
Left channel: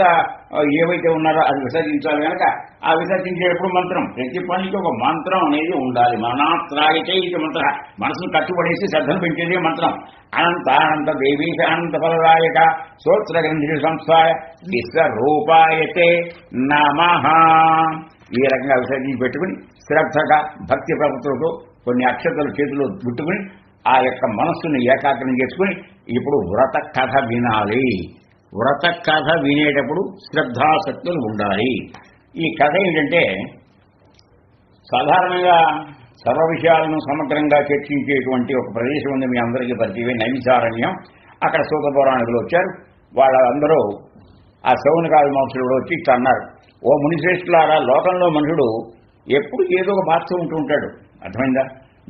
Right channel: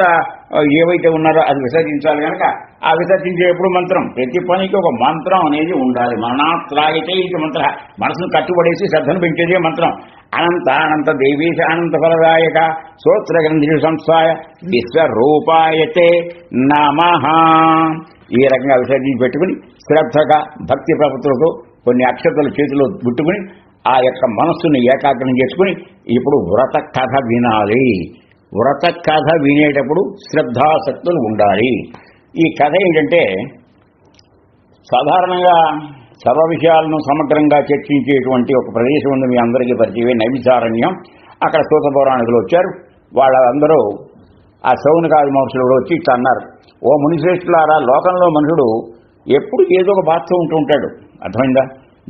ఏవైతే ఉన్నారో అది విసర్జించాలి కనుక ఆ విసర్జించేటప్పుడు మంత్రం ప్రతి పనికి ఒక మంత్రం అనేది ఉండాలి. మనాత్లాగితే ఇది మంత్ర మనసును కట్టుబడేసి శ్రద్ధను పెంచేదే మంత్రం. అనంత అనంత దేవీశ అనంత ఫలదాయక స్తోత్రగ్రంథి సంస్థాయ విశ్వరూపాయతే నమః. ఈ రకంగా విసర్జించి పెట్టుకుని శ్రద్ధగా భక్తి ప్రపత్తులకు కొన్ని అక్షతలు చేతిలో పెట్టుకుని ఆ యొక్క మనస్సును ఏకాగ్రం చేసుకుని ఇప్పుడు వ్రత కథ వినాలి. వ్రత కథ వినేటప్పుడు శ్రద్ధాసక్తులు ఉండాలి. ఈ కథ ఏంటంటే సాధారణంగా సర్వ విషయాలను సమగ్రంగా చర్చించేటువంటి ఒక ప్రదేశం ఉంది, మీ అందరికీ పరిచయమే నైమిషారణ్యం. అక్కడ సూత పౌరాణికులు వచ్చారు. వాళ్ళందరూ ఆ శౌనకాది మహర్షులు వచ్చి ఇట్లా అన్నారు, ఓ మునిశ్రేష్ఠులారా, లోకంలో మనుషుడు ఎప్పుడు ఏదో ఒక బాధతో ఉంటూ ఉంటాడు. అర్థమైందా?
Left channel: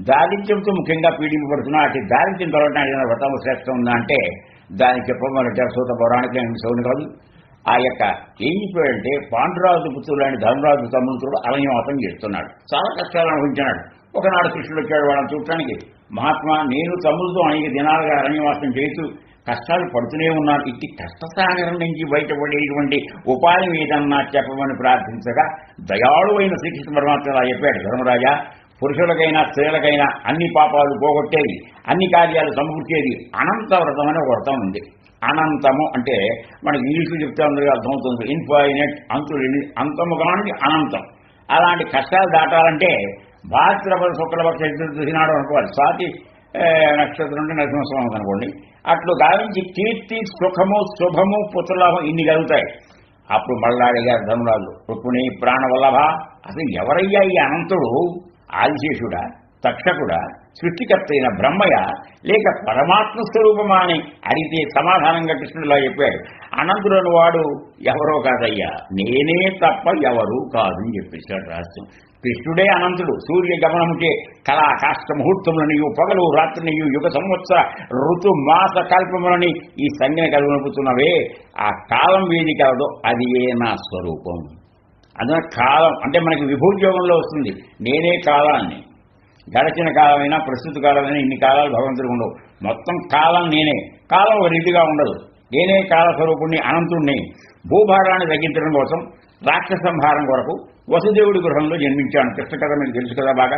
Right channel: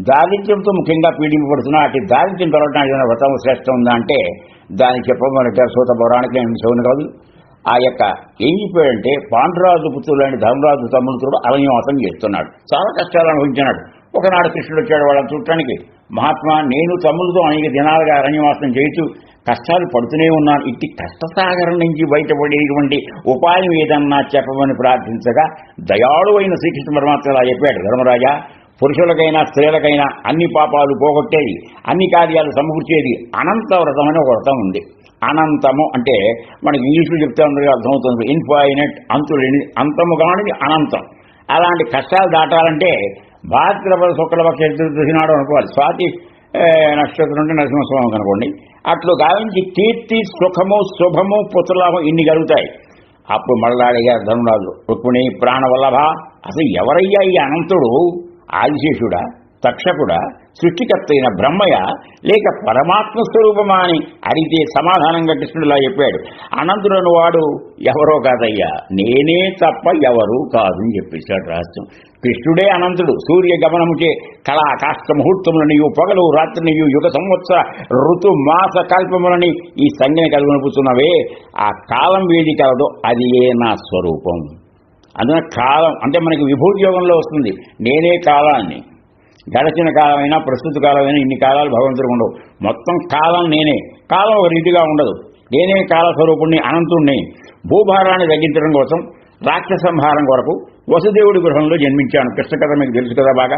దారిద్ర్యంతో ముఖ్యంగా పీడింపబడుతున్నా అటు దారిద్ర్యం తొలగడానికి ఏదైనా వ్రతం శ్రేష్టం ఉందా అంటే దానికి చెప్పమన్నట్టారు సూత పౌరాణికులు శౌనకాదులు. ఆ యొక్క ఏం చెప్పాడంటే పాండురాజు పుత్రులైన ధర్మరాజు తమ్ముడు అరణ్యవాసం చేస్తున్నాడు, చాలా కష్టాలు అనుభవించినాడు. ఒకనాడు కృష్ణుడు వచ్చాడు వాళ్ళని చూడటానికి. మహాత్మా, నేను తమ్ములతో అనేక దినాలుగా అరణ్యవాసం చేస్తూ కష్టాలు పడుతూనే ఉన్నాను. ఇట్టి కష్టసాగరం నుంచి బయటపడేటువంటి ఉపాయం ఏదన్నా చెప్పమని ప్రార్థించగా దయాళు అయిన శ్రీకృష్ణ పరమాత్మ ఇలా చెప్పాడు, ధర్మరాజా, పురుషులకైనా స్త్రీలకైనా అన్ని పాపాలు పోగొట్టేది, అన్ని కార్యాలు సమకూర్చేది అనంత వ్రతం అని ఒక వ్రతం ఉంది. అనంతము అంటే మనకి ఇంగ్లీష్లో చెప్తే అందరికీ అర్థమవుతుంది. ఇన్ఫైనట్, అంతులేని, అంతము కానిది అనంతం. అలాంటి కష్టాలు దాటాలంటే భాద్రపద శుక్లపక్ష చతుర్దశి నాడు అనుకోవాలి. స్వాతి నక్షత్రం అంటే నరసింహస్వామి అనుకోండి. అట్లు గావించి కీర్తి, సుఖము, శుభము, పుత్రలాభం ఇన్ని కలుగుతాయి. అప్పుడు మళ్ళా అడిగారు ధర్మరాజు, రుక్మిణి ప్రాణవల్లభ, అసలు ఎవరయ్యా ఈ అనంతుడు? ఆదిశేషుడా, తక్షకుడా, సృష్టికర్త అయిన బ్రహ్మయ, లేక పరమాత్మ స్వరూపమా అని అడిగితే సమాధానంగా కృష్ణుడిలా చెప్పాడు, అనంతుడను వాడు ఎవరో కాదయ్యా, నేనే తప్ప ఎవరూ కాదు అని చెప్పేశాడు రహస్యం. కృష్ణుడే అనంతుడు. సూర్య గమనముచే కళా కాష్ట ముహూర్తములనియు పగలు రాత్రినియు యుగ సంవత్సర ఋతు మాస కల్పములని ఈ సంజ్ఞ కలుగునపుతున్నవే, ఆ కాలం వేది కలదో అది ఏ నా స్వరూపం. అందున కాలం అంటే మనకి విభూతి యోగంలో వస్తుంది. నేనే కాలాన్ని, గడచిన కాలమైనా ప్రస్తుత కాలమైనా ఇన్ని కాలాలు భగవంతుడు ఉండవు. మొత్తం కాలం నేనే. కాలం ఒక రీతిగా ఉండదు. నేనే కాల స్వరూపుణ్ణి, అనంతుణ్ణి. భూభారాన్ని తగ్గించడం కోసం రాక్షస సంహారం కొరకు వసుదేవుడి గృహంలో జన్మించాను. కృష్ణ కథ మీకు తెలుసు కదా బాగా.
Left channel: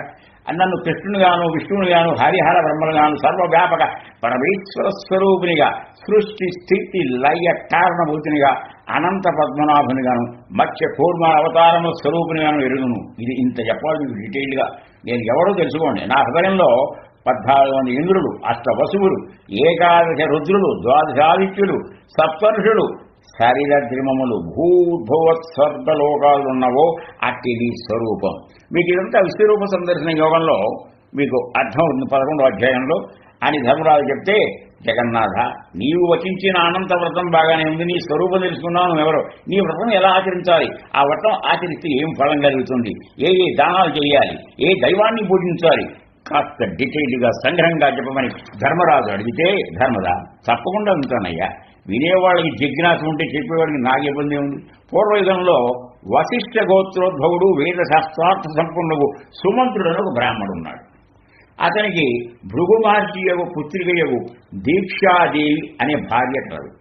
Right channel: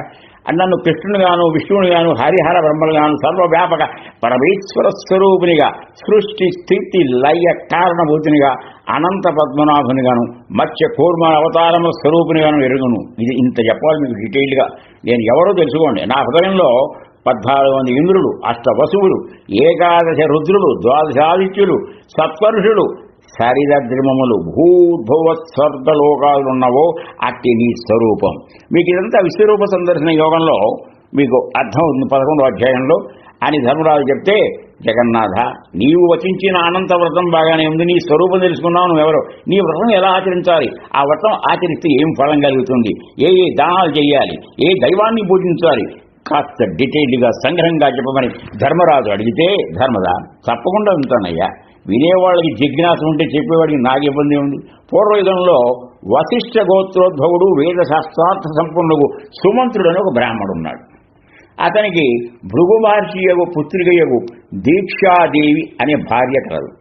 నన్ను కృష్ణునిగాను, విష్ణువునిగాను, హరిహర బ్రహ్మలుగాను, సర్వవ్యాపక పరమేశ్వర స్వరూపినిగా, సృష్టి స్థితి లయ కారణభూతినిగా, అనంత పద్మనాభునిగాను, మత్స్య కూర్మ అవతారముల స్వరూపునిగాను ఎరుగును. ఇది ఇంత చెప్పాలి మీకు డీటెయిల్గా. నేను ఎవరో తెలుసుకోండి. నా హృదయంలో 14 మంది ఇంద్రులు, 8 వసువులు, 11 రుద్రులు, 12 ఆదిత్యులు, సప్తర్షులు, శరీరద్రిమములు, భూర్భువత్ స్వర్గలోకాలు ఉన్నవో అట్టి నీ స్వరూపం. మీకు ఇదంతా విశ్వరూప సందర్శన యోగంలో మీకు అర్థం ఉంది 11వ అధ్యాయంలో అని ధర్మరాజు చెప్తే, జగన్నాథ నీవు వచించిన అనంత వ్రతం బాగానే ఉంది, నీ స్వరూపం తెలుసుకున్నావు, నువ్వెవరు, నీ వ్రతం ఎలా ఆచరించాలి, ఆ వ్రతం ఆచరిస్తే ఏం ఫలం కలుగుతుంది, ఏ ఏ దానాలు చేయాలి, ఏ దైవాన్ని పూజించాలి, కాస్త డీటెయిల్గా సంగ్రహంగా చెప్పమని ధర్మరాజు అడిగితే, ధర్మదా తప్పకుండా ఉంటానయ్యా, వినేవాళ్ళకి జిజ్ఞాస ఉంటే చెప్పేవాడికి నాకు ఇబ్బంది ఉంది. పూర్వయుగంలో వశిష్ఠ గోత్రోద్భవుడు, వేద శాస్త్రార్థ సంపన్నుడు సుమంత్రుడని ఒక బ్రాహ్మడు ఉన్నాడు. అతనికి భృగు మహర్షి యొక్క పుత్రికయగు దీక్షాదేవి అనే భార్య కలదు.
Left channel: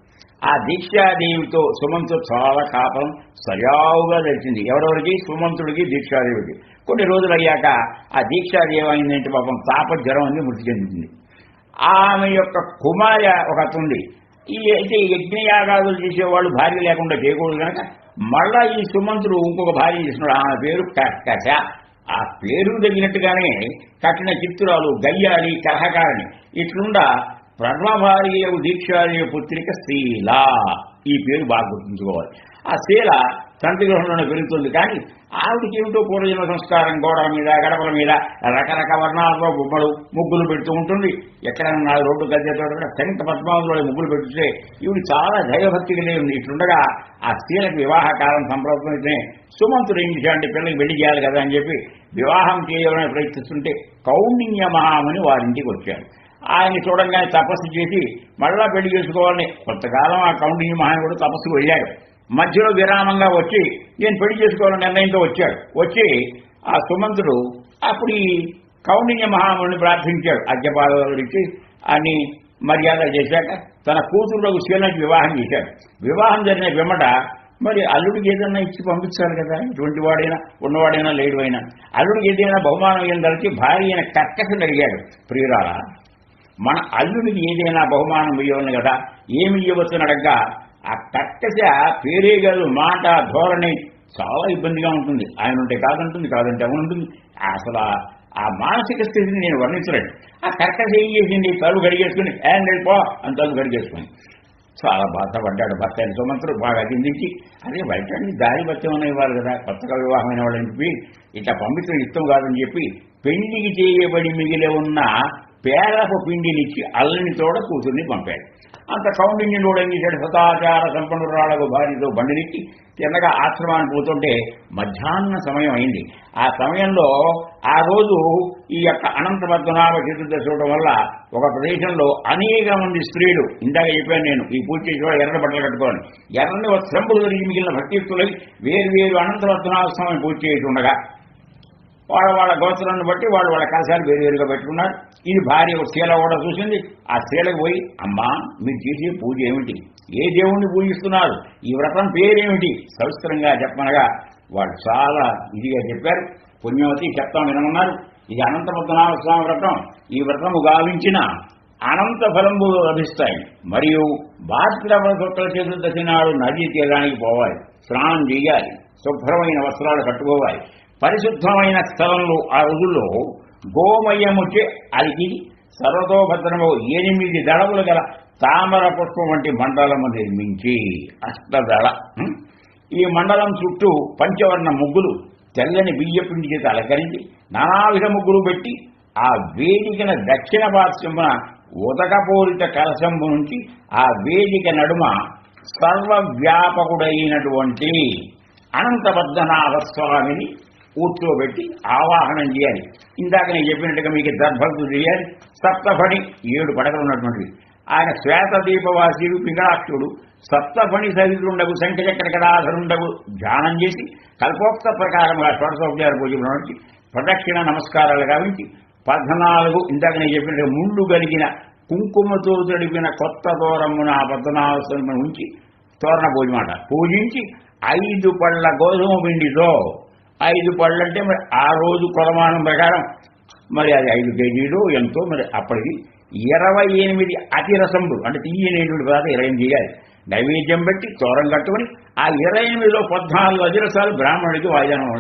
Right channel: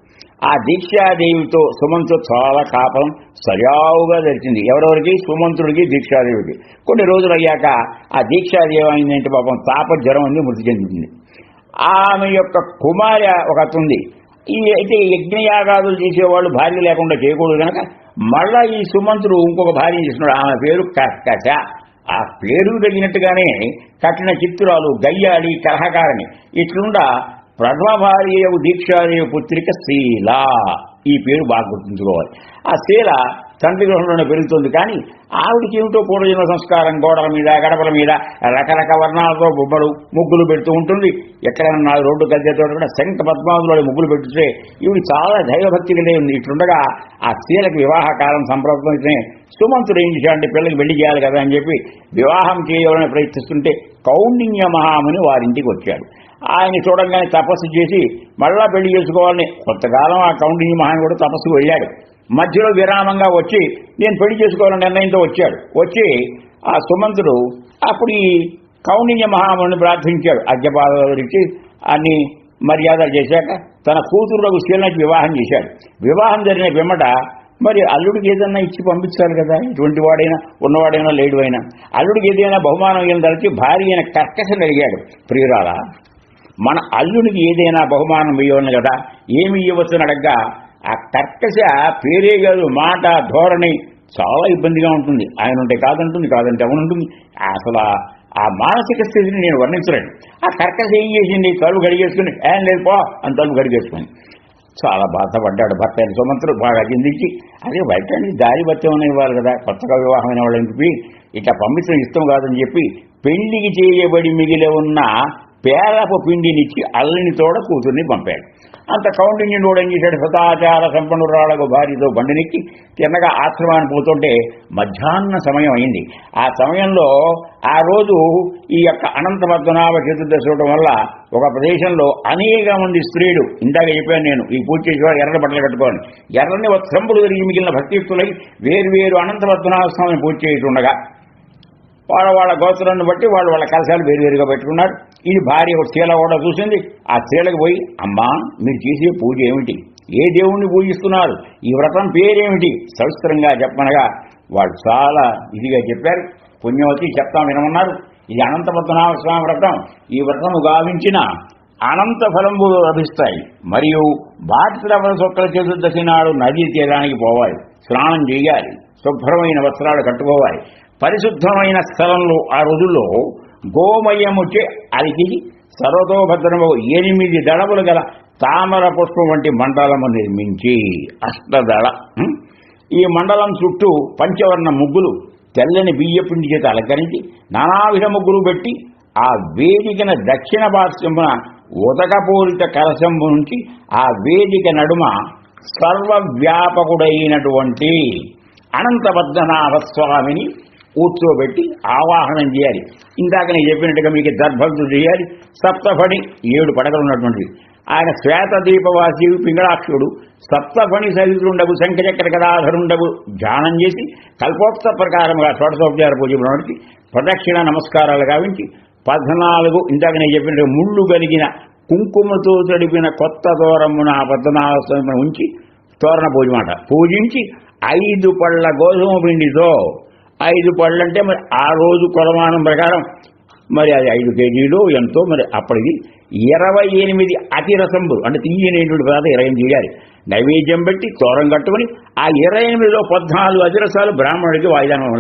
ఆ దీక్షాదేవితో సుమంతుడు చాలా కాపం సజావుగా జరిచింది. ఎవరెవరికి? సుమంతుడికి, దీక్షాదేవికి. కొన్ని రోజులు అయ్యాక ఆ దీక్షాదేవి అయిందంటే పాపం తాపజ్వరం అని మృతి చెందుతుంది. ఆమె యొక్క కుమార్య ఒక ఉంది. ఈ అయితే యజ్ఞయాగాదులు చేసేవాళ్ళు భార్య లేకుండా చేయకూడదు కనుక మళ్ళా ఈ సుమంతుడు ఇంకొక భార్య చేస్తున్నాడు. ఆమె పేరు కర్కశ. ఆ పేరు తగినట్టుగానే కఠిన చిత్తురాలు, గయ్యాడి, కలహకారిణి. ఇట్లుండా ప్రథమ భార్య దీక్షాదేవి పుత్రిక శీల. ఈ పేరు బాగా గుర్తుంచుకోవాలి. ఆ శీల తండ్రి గృహంలోనే పెరుగుతుంది. కానీ ఆవిడికి ఏమిటో పూర్వజన్మ సంస్కారం, గోడల మీద, గడపల మీద రకరకాల వర్ణాలతో బొమ్మలు, ముగ్గులు పెడుతూ ఉంటుంది. ఎక్కడన్నా రోడ్డు గద్దెతో కూడా శంఖ పద్మాదులో ముగ్గులు పెట్టుతే ఈవిడ చాలా దైవభక్తి కలిగి ఉంది. ఇట్లుండగా ఆ శీలకు వివాహ కాలం సంప్రదించే సుమంతుడు ఏం చేశాడంటే పిల్లలకి పెళ్లి చేయాలి కదా అని చెప్పి వివాహం చేయడానికి ప్రయత్నిస్తుంటే కౌండిన్య మహాముని వారింటికి వచ్చాడు. ఆయన చూడంగానే తపస్సు చేసి మళ్ళా పెళ్లి చేసుకోవాలని కొంతకాలం ఆ కౌండిన్య మహాముని కూడా తపస్సుకు వెళ్ళాడు. మధ్యలో విరామంగా వచ్చి నేను పెళ్లి చేసుకోవాలని నిర్ణయంతో వచ్చాడు. వచ్చి ఆ సుమంతుడు అప్పుడు ఈ కౌండిన్య మహాముని ప్రార్థించాడు. అర్ఘ్యపాదాలిచ్చి అన్ని మర్యాదలు చేశాక తన కూతురులకు శీలకి వివాహం చేశాడు. వివాహం జరిగిన పిమ్మట మరి అల్లుడికి ఏదైనా ఇచ్చి పంపించాలి కదా, ఇటువంటి వాడైనా, ఉన్నవాడైనా లేడు అయినా. అల్లుడికి ఏదైనా బహుమానం ఏం తలచి భార్య అయిన కర్కశని అడిగాడు, ప్రియురాలా మన అల్లుడికి ఏదైనా బహుమానం ఇవ్వను కదా, ఏమి ఇవ్వచ్చని అడగ్గా ఆ కర్కశ పేరే కాదు, మాట, ధోరణి చాలా ఇబ్బందిగా ఉంటుంది. ఆయన ఉంటే కాదంటుంది, కాదంటే అవునుంటుంది. అసలు ఆ మానసిక స్థితిని నేను వర్ణించలేను. ఆ కర్కశ ఏం చేసింది, తలుపు గడిగేసుకుని ఏం లేదు పో అని తలుపు గడిగేసుకుని చాలా బాధపడ్డాడు. భర్త అయిన సుమంతుడు బాగా చిందించి, అదే బయట దారి భర్తేమన్నా ఇవ్వాలి కదా, కొత్తగా వివాహమైన వాళ్ళని చెప్పి ఇట్లా పంపించడం ఇష్టం కాదని చెప్పి పెళ్లికి చేయబడి మిగిలి ఉన్న పేరపు పిండినిచ్చి అల్లని తోడ కూతుర్ని పంపాడు. అంత కౌండిన్యుడు ఏం చేశాడు, సదాచార సంపన్నురాలకు భార్యతో బండినెక్కి తిన్నగా ఆశ్రమాన్ని పోతుంటే మధ్యాహ్న సమయం అయింది. ఆ సమయంలో ఆ రోజు ఈ యొక్క అనంత పద్మనాభ చతుర్దశి చూడటం వల్ల ఒక ప్రదేశంలో అనేక మంది స్త్రీలు, ఇందాక చెప్పాను నేను, ఈ పూజ చేసేవాడు ఎర్రని బట్టలు కట్టుకోవాలి, ఎర్రని వస్త్రంపులు తిరిగి మిగిలిన భక్తియుక్తులై వేరు అనంత పద్మనాభ స్వామిని పూజ చేస్తుండగా వాళ్ళ గోత్రాన్ని బట్టి వాళ్ళ కలశాలు వేరువేరుగా పెట్టుకున్నారు. ఇది భార్య శీల కూడా చూసింది. ఆ శీలకు పోయి, అమ్మా మీరు చేసే పూజ ఏమిటి, ఏ దేవుణ్ణి పూజిస్తున్నారు, ఈ వ్రతం పేరేమిటి సవిస్తరంగా చెప్పనగా వాళ్ళు చాలా ఇదిగా చెప్పారు. పుణ్యవతి చెప్తాం వినమన్నారు. ఇది అనంత పద్మనాభ స్వామి వ్రతం. ఈ వ్రతము గావించిన అనంత ఫలంబులు లభిస్తాయి. మరియు భాస్కర శుక్ల చతుర్దశి నాడు నదీ తీరానికి పోవాలి, స్నానం చేయాలి, శుభ్రమైన వస్త్రాలు కట్టుకోవాలి. పరిశుద్ధమైన స్థలంలో ఆ రోజుల్లో గోమయముచే అలికి సర్వతోభద్రము 8 దళములు గల తామర పుష్పం వంటి మండలము నిర్మించి అష్టదళ ఈ మండలం చుట్టూ పంచవర్ణ ముగ్గులు తెల్లని బియ్యపిండి చేత అలంకరించి నానావిధ ముగ్గులు పెట్టి ఆ వేదికన దక్షిణ పార్శ్వమున ఉదకపూరిత కలశంబు నుంచి ఆ వేదిక నడుమ సర్వవ్యాపకుడైనటువంటి అనంత పద్మనాభ స్వామిని కూర్చోబెట్టి ఆవాహనం చేయాలి. ఇందాక నేను చెప్పినట్టుగా మీకు దర్భక్తులు చేయాలి. సప్తఫణి 7 పడగలు ఉన్నటువంటిది. ఆయన శ్వేత దీపవాసి పింగళాక్షుడు సప్తఫణి సహితుండగు శంఖచక్ర గదాధరుండగు ధ్యానం చేసి కల్పోక్త ప్రకారంగా షోడశోపచార పూజలు నడిచి ప్రదక్షిణ నమస్కారాలు గావించి 14 ఇందాక నేను చెప్పినట్టు ముళ్ళు కలిగిన కుంకుమతో తడిపిన కొత్త తోరమున పద్మనాభ స్వామిని ఉంచి తోరణ పూజ మాట పూజించి 5 పళ్ళ గోధుమ పిండితో 5 పళ్ళు అంటే మరి ఆ రోజు కొలమానం ప్రకారం మరి అది 5 కేజీలు ఎంతో మరి అప్పటిది 28 అతిరసంబులు అంటే తీయనేటువంటి పదార్థం 28 చేయాలి. నైవేద్యం పెట్టి తోరం కట్టుకుని ఆ 28లో 14 అతిరసాలు బ్రాహ్మణుడికి వాయిదానం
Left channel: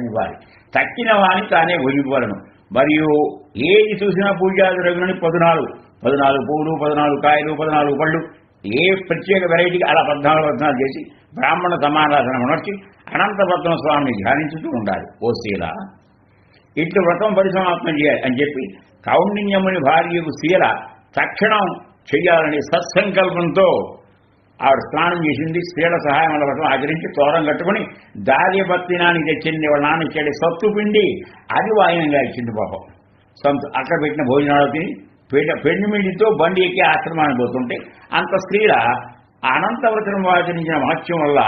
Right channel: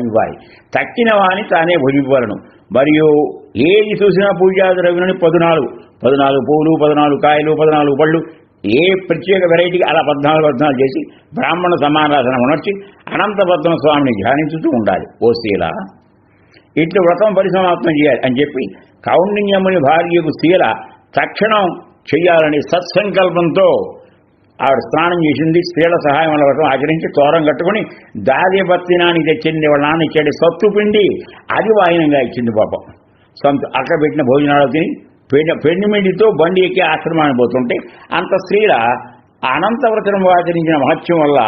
ఇవ్వాలి. తక్కిన వాని తానే భుజింపవలను. మరియు ఏది చూసినా పూజా ద్రవ్యులని 14 పువ్వులు, 14 కాయలు, 14 పళ్ళు, ఏ ప్రత్యేక వెరైటీకి అలా 14 చేసి బ్రాహ్మణ సమారాధన నడిచి అనంతపద్మ స్వామిని ధ్యానించుతూ ఉండాలి. ఓ శీల, ఇట్లు వ్రతం పరిసమాప్తం చేయాలి అని చెప్పి కౌండిన్యముని భార్యకు శీల తక్షణం చెయ్యాలని సత్సంకల్పంతో ఆవిడ స్నానం చేసింది. స్త్రీల సహాయం వల్ల వ్రతం ఆచరించి తోరం కట్టుకుని దార్యపత్తినానికి తెచ్చింది. వాళ్ళ నాన్న ఇచ్చాడు సత్తు పిండి, అది వాయినంగా ఇచ్చింది పాపం. అక్కడ పెట్టిన భోజనాలు తిని పెండిమిడితో బండి ఎక్కి ఆశ్రమానికి పోతుంటే అంత స్త్రీల అనంతవ్రతం ఆచరించిన మహత్యం వల్ల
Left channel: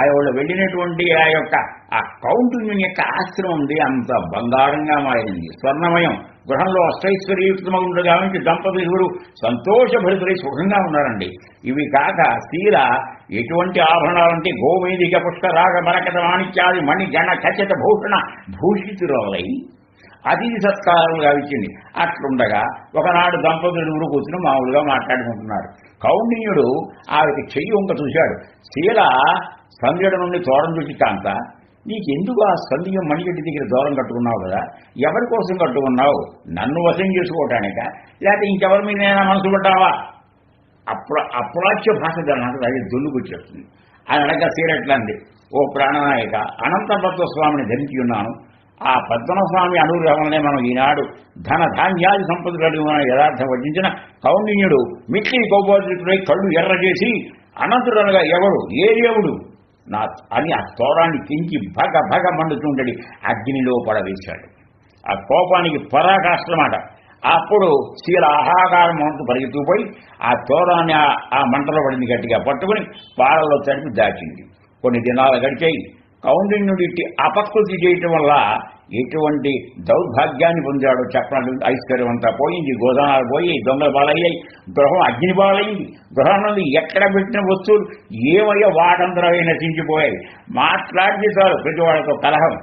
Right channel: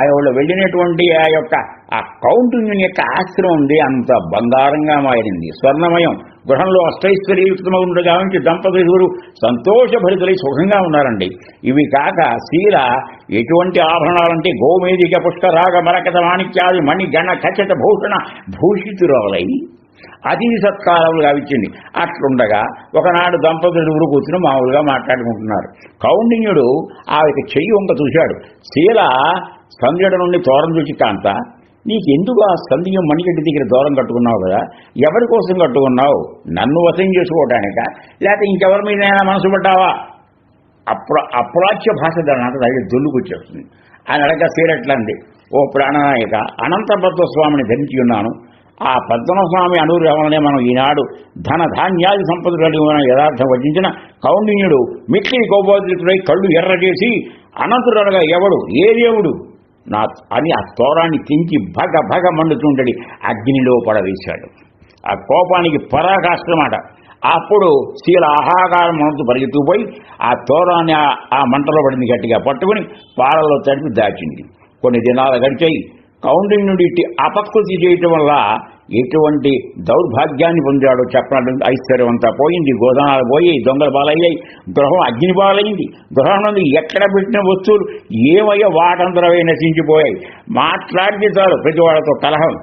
ఆవిడ వెళ్ళినటువంటి ఆ యొక్క ఆ కౌండిన్యుని యొక్క ఆశ్రమం ఉంది అంత బంగారంగా మారింది, స్వర్ణమయం. గృహంలో అష్టైశ్వర్యయుక్తమగుండు గావించి దంపతులు సంతోషభరితులై సుఖంగా ఉన్నారండి. ఇవి కాక శీల ఎటువంటి ఆభరణాలంటే గోమేదిక పుష్కరాగ మరకత మాణిక్యాది మణి గణ ఖచ్చిత భూషణ భూషితురాలై అతిథి సత్కారాలు గావించింది. అట్లుండగా ఒకనాడు దంపతులు ఊరు కూర్చుని మామూలుగా మాట్లాడుకుంటున్నారు. కౌండిన్యుడు ఆవిడకి చెయ్యి వంక చూశాడు. శీల సంధ్యడ నుండి తోరం చూసి, కాంత నీకెందుకు ఆ సంధ్యం మణిగడ్డి దగ్గర దూరం కట్టుకున్నావు కదా, ఎవరి కోసం కట్టుకున్నావు? నన్ను వశం చేసుకోవటానిక, లేకపోతే ఇంకెవరి మీద మనసు పడ్డావా? అప్రాచ్య భాష దాని అది దొల్లుకొచ్చేస్తుంది. అది అడగ సీరట్లంది, ఓ ప్రాణనాయక, అనంతపద్మ స్వామిని ధరించి ఉన్నాను. ఆ పద్మస్వామి అనుగ్రహంలోనే మనం ఈనాడు ధన ధాన్యాది సంపద కలిగిన యథార్థం వచించిన కౌండిన్యుడు మిక్కిలి కోపోద్రితుడై కళ్ళు ఎర్ర చేసి అనంతుడనగా ఎవడు, ఏ దేవుడు నా అని ఆ తోరాన్ని తెంచి భగ మండుతుండడి అగ్నిలో పడవేశాడు. ఆ కోపానికి పరాకాష్టమాట. అప్పుడు శీల ఆహాకారం మనతో పరిగెత్తుకుపోయి ఆ తోరాన్ని ఆ మంటలో పడింది గట్టిగా పట్టుకుని పాలలో తడిపి దాచింది. కొన్ని దినాలు గడిచాయి. కౌండిన్యుడి అపకృతి చేయటం వల్ల ఎటువంటి దౌర్భాగ్యాన్ని పొందాడో చెప్పాలంటే ఐశ్వర్యం అంతా పోయింది, గోదానాలు పోయి, దొంగల పాలయ్యాయి, గృహం అగ్ని పాలైంది. గృహం నుండి ఎక్కడ పెట్టిన వస్తువులు ఏమయ్యో వాటంతరవే నశించిపోయాయి. మాట్లాడితే చాలు ప్రతి వాళ్ళతో కలహం.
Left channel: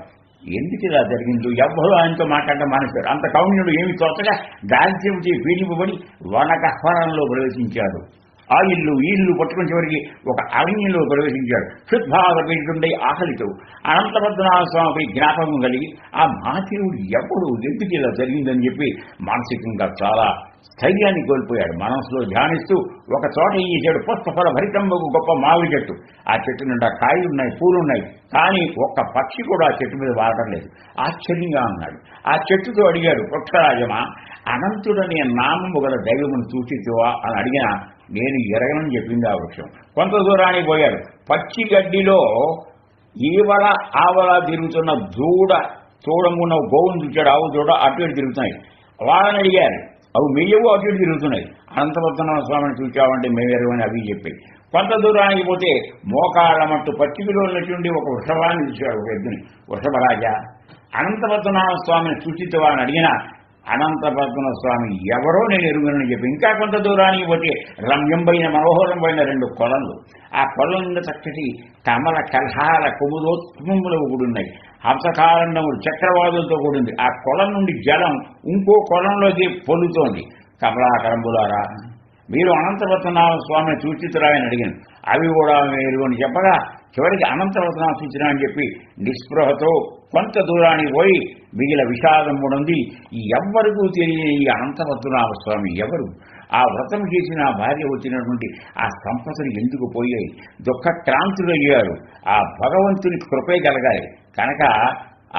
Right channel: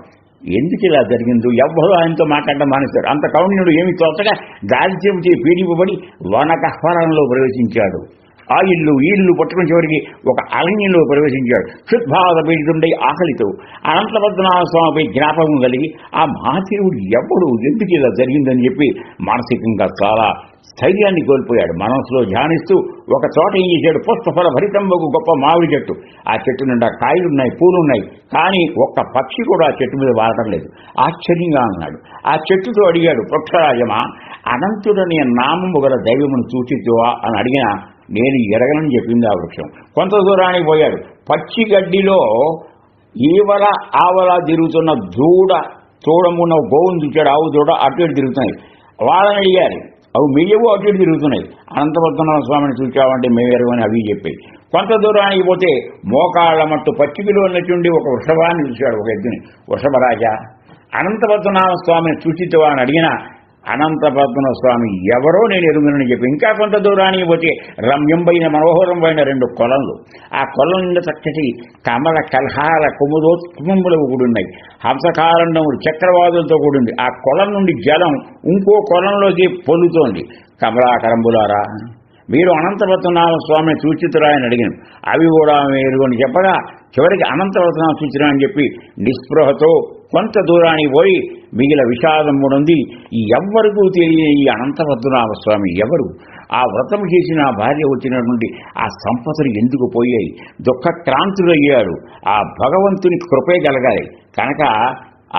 ఎందుకు ఇలా జరిగిందో ఎవ్వరూ ఆయనతో మాట్లాడడం మానేశాడు. అంత కౌండిన్యుడు ఏమి తోచగా దాల్చేపు పీడిపబడి వనకహ్వరంలో ప్రవేశించాడు. ఆ ఇల్లు పట్టుకుని చివరికి ఒక అరణ్యంలో ప్రవేశించాడు. క్షుద్భావ పీడితుండే ఆకలితో అనంతపద్మనాభ స్వామిపై జ్ఞాపకం కలిగి ఆ మహాశివుడు ఎవడు, ఎందుకు ఇలా జరిగిందని చెప్పి మానసికంగా చాలా స్థైర్యాన్ని కోల్పోయాడు. మనసులో ధ్యానిస్తూ ఒక చోట ఏం చేశాడు, పుష్పఫల భరితం ఒక గొప్ప మామిడి చెట్టు. ఆ చెట్టు నిండా కాయలున్నాయి, పూలున్నాయి, కానీ ఒక్క పక్షి కూడా ఆ చెట్టు మీద వాడటం లేదు. ఆశ్చర్యంగా ఉన్నాడు. ఆ చెట్టుతో అడిగాడు, వృక్షరాజమా, అనంతుడని నామము గల దైవమును సూచితువా అని అడిగినా నేను ఎరగనని చెప్పింది ఆ వృక్షం. కొంత దూరానికి పోయాడు. పచ్చి గడ్డిలో ఈవల ఆవల తిరుగుతున్న తోడమున్న గోవును చూచాడు. ఆవు దూడ అటు ఇటు తిరుగుతున్నాయి. వాళ్ళని అడిగారు, అవి మెయ్యవు అటు ఇటు తిరుగుతున్నాయి. అనంతపద్మనాభ స్వామిని చూచావంటే మేమెరవని అవి చెప్పాయి. కొంత దూరానికి పోతే మోకాళ్ళ మట్టు పచ్చికలో ఉన్నటువంటి ఒక వృషభాన్ని చూశాడు, ఒక ఎద్దుని. వృషభరాజా, అనంతపద్మనాభ స్వామిని చూచితవా అని అడిగినా అనంతపద్మనాభ స్వామి ఎవరో నేను ఎరుగునని చెప్పి ఇంకా కొంత దూరానికి పోతే రమ్యంపైన మనోహరంపైన 2 కొలలు. ఆ కొలం నిండా చక్కటి కమల కల్హార కుముదోత్కుములు కూడున్నాయి. హంసకారండములు చక్రవాదులతో కూడింది. ఆ కొలం నుండి జలం ఇంకో కొలంలోకి పొందుతోంది. కమలాకరంబులారా, మీరు అనంతపద్మనాభ స్వామిని సూచితురా అని అడిగాను. అవి కూడా మీరు అని చెప్పగా చివరికి అనంతపద్మనాభ సూచన అని చెప్పి నిస్పృహతో కొంత దూరానికి పోయి మిగిలిన విషాదం ఉంది. ఎవ్వరికూ తెలియని ఈ అనంతపద్మనాభ స్వామి ఎవరు? ఆ వ్రతం చేసిన ఆ భార్య వచ్చినటువంటి ఆ సంపదలు ఎందుకు పోయాయి? దుఃఖక్రాంతులయ్యాడు. ఆ భగవంతుని కృపే కలగాలి కనుక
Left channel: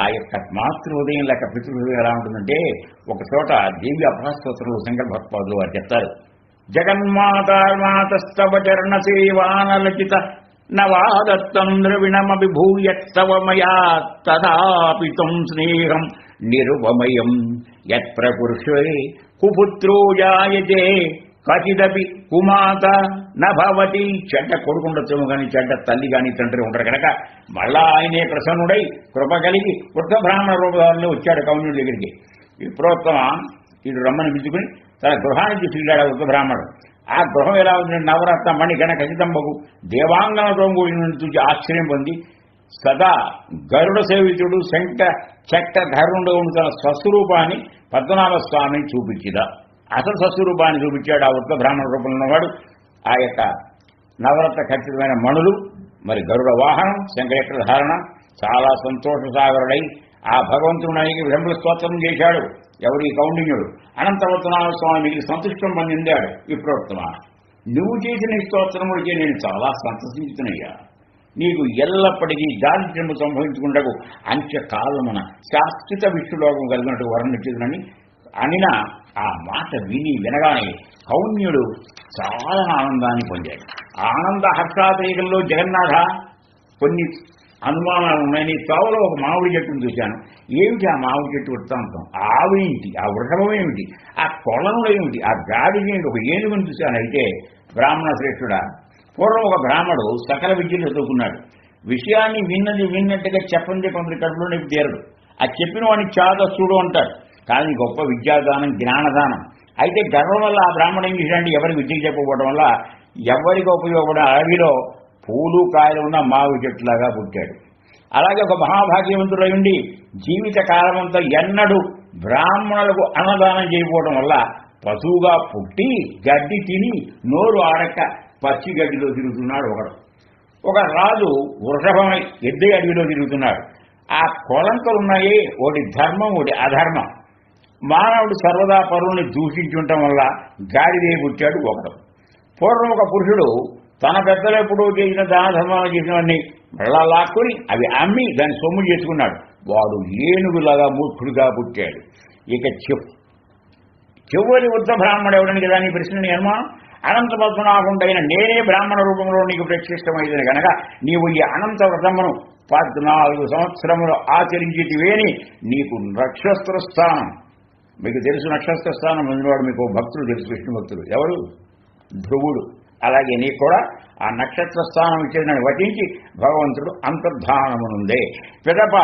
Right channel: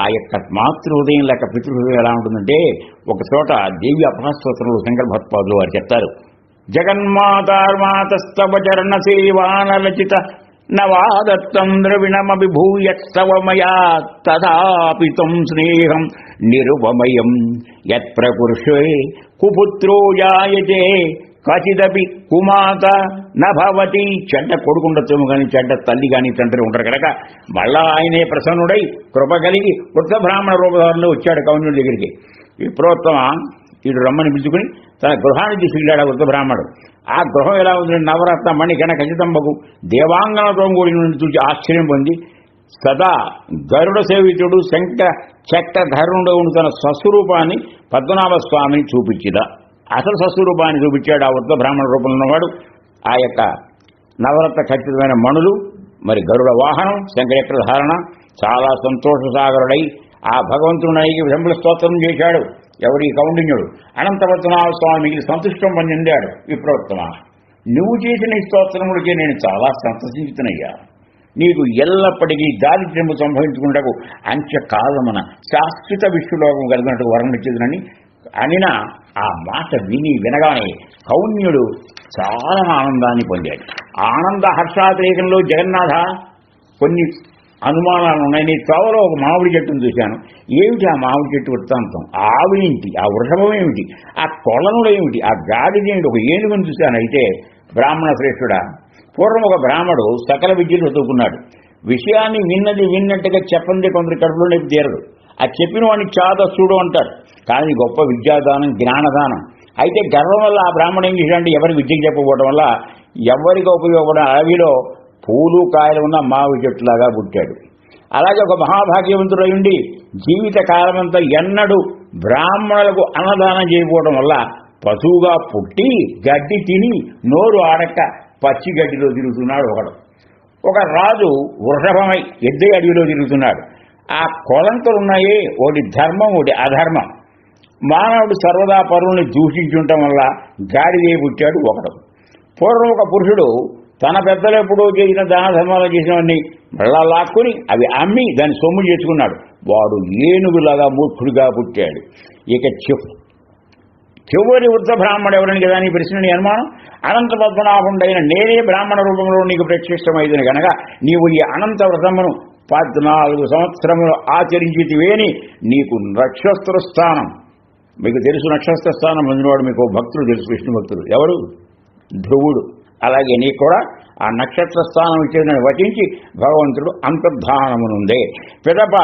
ఆ యొక్క మాతృహృదయం లేక పితృహృదయం ఎలా ఉంటుందంటే, ఒక చోట దేవి అపరాస్తోత్రంలో శంకర భగవత్పాదులు వారు చెప్తారు, జగన్మాతార్మాతస్తవ చరణ సేవానరచిత నవాదత్తం ద్రవిణమభిభూయత్సవ మయా తదాపి తం స్నేహం నిరుపమయం యత్ప్రకుర్షే కుపుత్రో జాయతే కచిదపి కుమాత నభవతి. చెడ్డ కొడుకుండొచ్చేమో కానీ చెడ్డ తల్లి కానీ తండ్రి ఉంటారు కనుక మళ్ళా ఆయనే ప్రసన్నుడై కృప కలిగి వృద్ధ బ్రాహ్మణ రూపధారంలో వచ్చాడు కౌండిన్యుడి దగ్గరికి. విప్రోత్తమ ఇటు రమ్మని పిలుచుకుని తన గృహానికి తీసుకెళ్ళాడు వృద్ధ బ్రాహ్మణుడు. ఆ గృహం ఎలా ఉంది? నవరత్న మణి గణ ఖచ్చితంబకు దేవాంగనతో కూడిన నుండి చూసి ఆశ్చర్యం పొంది సదా గరుడ సేవితుడు శంఖ చక్ర ధరుడు తన స్వస్వరూపాన్ని పద్మనాభస్వామిని చూపించిదా. అసలు స్వస్వరూపాన్ని చూపించాడు ఆ వృద్ధ బ్రాహ్మణ రూపంలో ఉన్నవాడు. ఆ యొక్క నవరత్న ఖచ్చితమైన మణులు, మరి గరుడ వాహనం, శంఖచక్ర ధారణ, చాలా సంతోష సాగరుడై ఆ భగవంతుడికి విధంబుల స్తోత్రం చేశాడు. ఎవరి కౌండిన్యుడు అనంతపద్మనాభ స్వామికి సంతుష్టం పొందాడు. విప్రోత్తమ, నువ్వు చేసిన ఈ స్తోత్రములకి నేను చాలా సంతసించుతున్నయ్యా. నీకు ఎల్లప్పటికీ దారిద్ర్యము సంభవించుకుంటకు అంత్యకాలమున శాశ్వత విష్ణులోకం కలిగినట్టు వర్ణించదునని అనిన ఆ మాట వినగానే కౌన్యుడు చాలా ఆనందాన్ని పొందాడు. ఆనంద హర్షాతిరేకంలో జగన్నాథ కొన్ని అనుమానాలు ఉన్నాయి. నీ త్వరలో ఒక మామిడి చెట్టును చూశాను. ఏమిటి ఆ మామిడి చెట్టు వృత్తాంతం? ఆ ఆవిడేంటి? ఆ వృషభం ఏమిటి? ఆ కొలనుడు ఏమిటి? ఆ గాడిద ఏమిటి? ఒక ఏనుగును చూశాను. అయితే బ్రాహ్మణ శ్రేష్ఠుడా, పూర్వం ఒక బ్రాహ్మడు సకల విద్యలు చదువుకున్నాడు. విషయాన్ని విన్నట్టుగా చెప్పండి కొందరి కడుపులో నొప్పి తీరదు. ఆ చెప్పిన వాడిని చాదస్తుడు అంటారు. కానీ గొప్ప విద్యాదానం, జ్ఞానదానం. అయితే గర్వం వల్ల ఆ బ్రాహ్మణుడు ఏం చేశాడంటే ఎవరికి విద్యకు చెప్పకపోవడం వల్ల ఎవరికి ఉపయోగపడే అడవిలో పూలు కాయలు ఉన్న మావి చెట్టులాగా పుట్టాడు. అలాగే ఒక మహాభాగ్యవంతుడై ఉండి జీవిత కాలమంతా ఎన్నడూ బ్రాహ్మణులకు అన్నదానం చేయకపోవడం వల్ల పశువుగా పుట్టి గడ్డి తిని నోరు ఆడక పచ్చి గడ్డిలో తిరుగుతున్నాడు ఒకడు. ఒక రాజు వృషభమై ఎద్దే అడవిలో తిరుగుతున్నాడు. ఆ కొలంతలున్నాయే, ఒకటి ధర్మం, ఒకటి అధర్మం. మానవుడు సర్వదా పరువుని దూషించుండటం వల్ల గాడిదే పుట్టాడు ఒకడు. పూర్వం ఒక పురుషుడు తన పెద్దలు ఎప్పుడూ చేసిన దాన ధర్మాలు చేసినవన్నీ మళ్ళా లాక్కుని అవి అమ్మి దాన్ని సొమ్ము చేసుకున్నాడు. వాడు ఏనుగులాగా మూర్ఖుడిగా పుట్టాడు. ఇక చివరి వృద్ధ బ్రాహ్మణుడు ఎవరని కదా నీ ప్రశ్నని అనుమానం. అనంత పద్మనాభుడైన నేనే బ్రాహ్మణ రూపంలో నీకు ప్రత్యక్షమైంది కనుక నీవు ఈ అనంత వ్రతమును 14 సంవత్సరములు ఆచరించితివేని నీకు నక్షత్ర స్థానం, మీకు తెలుసు నక్షత్ర స్థానం పొందినవాడు మీకు భక్తుడు తెలుసు, విష్ణు భక్తుడు ఎవరు? ధ్రువుడు. అలాగే నీకు కూడా ఆ నక్షత్ర స్థానం ఇచ్చిన వచించి భగవంతుడు అంతర్ధానమునుందే. పిదప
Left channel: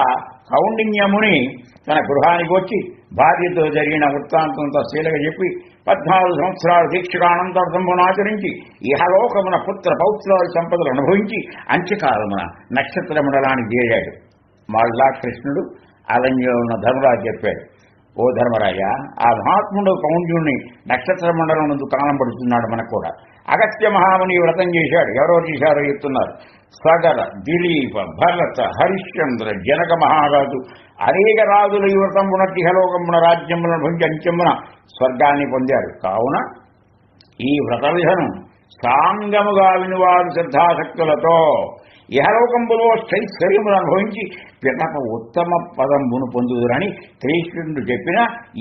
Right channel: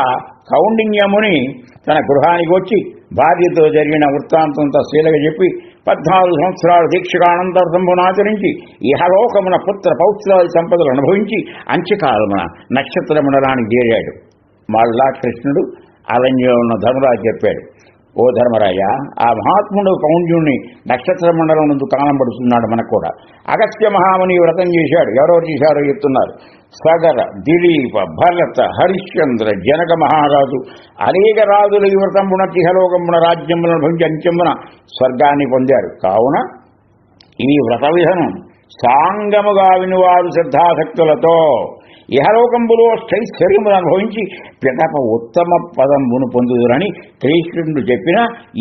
కౌండిన్యముని తన గృహానికి వచ్చి భార్యతో జరిగిన వృత్తాంతంతో శీలగా చెప్పి 14 సంవత్సరాల దీక్షగా అనంతరసంభును ఆచరించి ఇహలోకమున పుత్ర పౌత్రాది సంపదలు అనుభవించి అంత్యకాలమున నక్షత్ర మండలానికి చేరాడు. మళ్ళా కృష్ణుడు అరణ్యంలో ఉన్న ధర్మరాజు చెప్పాడు, ఓ ధర్మరాజ, ఆ మహాత్ముడు కౌండ్యుణ్ణి నక్షత్ర మండలం నందు కానబడుతున్నాడు. మనకు కూడా అగస్త్య మహాముని వ్రతం చేశాడు. ఎవరెవరు చేశారో చెప్తున్నారు. సగర, దిలీప, భరత, హరిశ్చంద్ర, జనక మహారాజు అనేక రాజుల ఈ వ్రతంబున ఇహలోకమున రాజ్యములను భంగి అంచెమున స్వర్గాన్ని పొందారు. కావున ఈ వ్రత విధనం సాంగముగా వినువారు శ్రద్ధాశక్తులతో ఇహలోకంబులో స్థైశ్వర్యమును అనుభవించి పిదప ఉత్తమ పదంబును పొందుదురని కృష్ణుడు చెప్పిన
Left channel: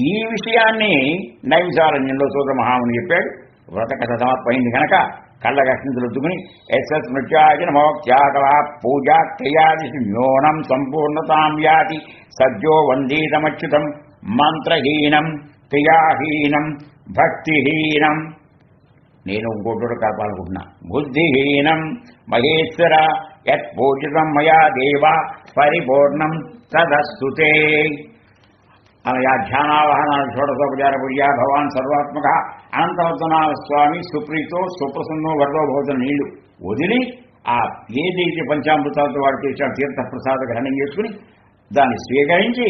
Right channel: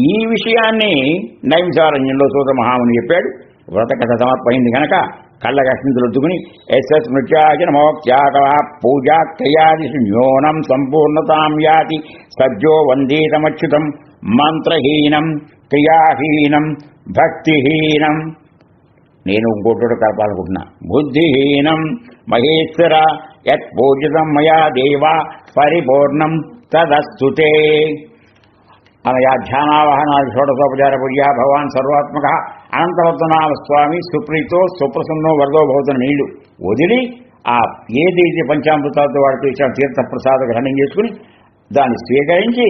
ఈ విషయాన్ని నైమిసారణ్యంలో సూత మహాముని చెప్పాడు. వ్రత కథ సమర్పయింది కనుక కళ్ళ కష్ణితులొద్దుకుని ఎస్ఎస్ నృత్యాచన మోక్త్యాగ పూజా క్రియాది న్యూనం సంపూర్ణతాం యాతి సజ్జో వందేతమచ్యుతం మంత్రహీనం క్రియాహీనం భక్తిహీనం. నేను ఇంకోటి కలపాలనుకుంటున్నా. బుద్ధిహీనం మహేశ్వర యత్ పూజితం మయా దేవ పరిపూర్ణం తదస్తుతే. అనయా ధ్యానావహనాది షోడశోపచార పూజ భగవాన్ సర్వాత్మక అనంతపద్మనాభ స్వామి సుప్రీతో సుప్రసన్నో వరదో భవతున్న నీళ్లు వదిలి ఆ ఏదైతే పంచామృతాలతో వాడు చేసిన తీర్థప్రసాద గ్రహణం చేసుకుని దాన్ని స్వీకరించి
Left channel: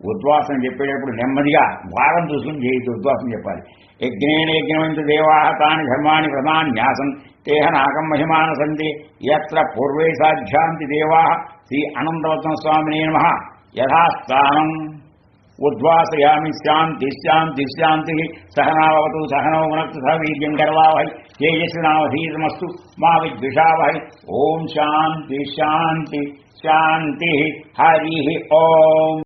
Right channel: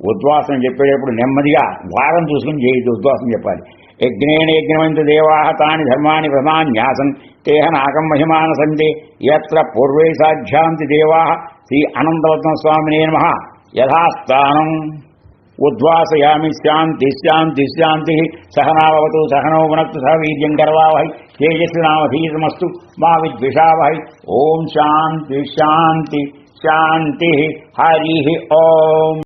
ఉద్వాసన చెప్పేటప్పుడు నెమ్మదిగా వారం చూసుకుని చేయి ఉద్వాసన చెప్పాలి. యజ్ఞేన యజ్ఞమంతు దేవా తాని ధర్మాని ప్రధాన్యాసం తేహ నాగం మహిమాన సందే యత్ర పూర్వే సాధ్యాంతి దేవా శ్రీ అనంతపద్మ స్వామినే నమః. యథాస్థానం ఉద్వాసయామి. శాంతి శాంతి శాంతి. సహనావతు సహనౌ భునక్తు సహ వీర్యం కరవావహై తేజస్వినావధీతమస్తు మా విద్విషావహై. ఓం శాంతి శాంతి శాంతి. హరి ఓం.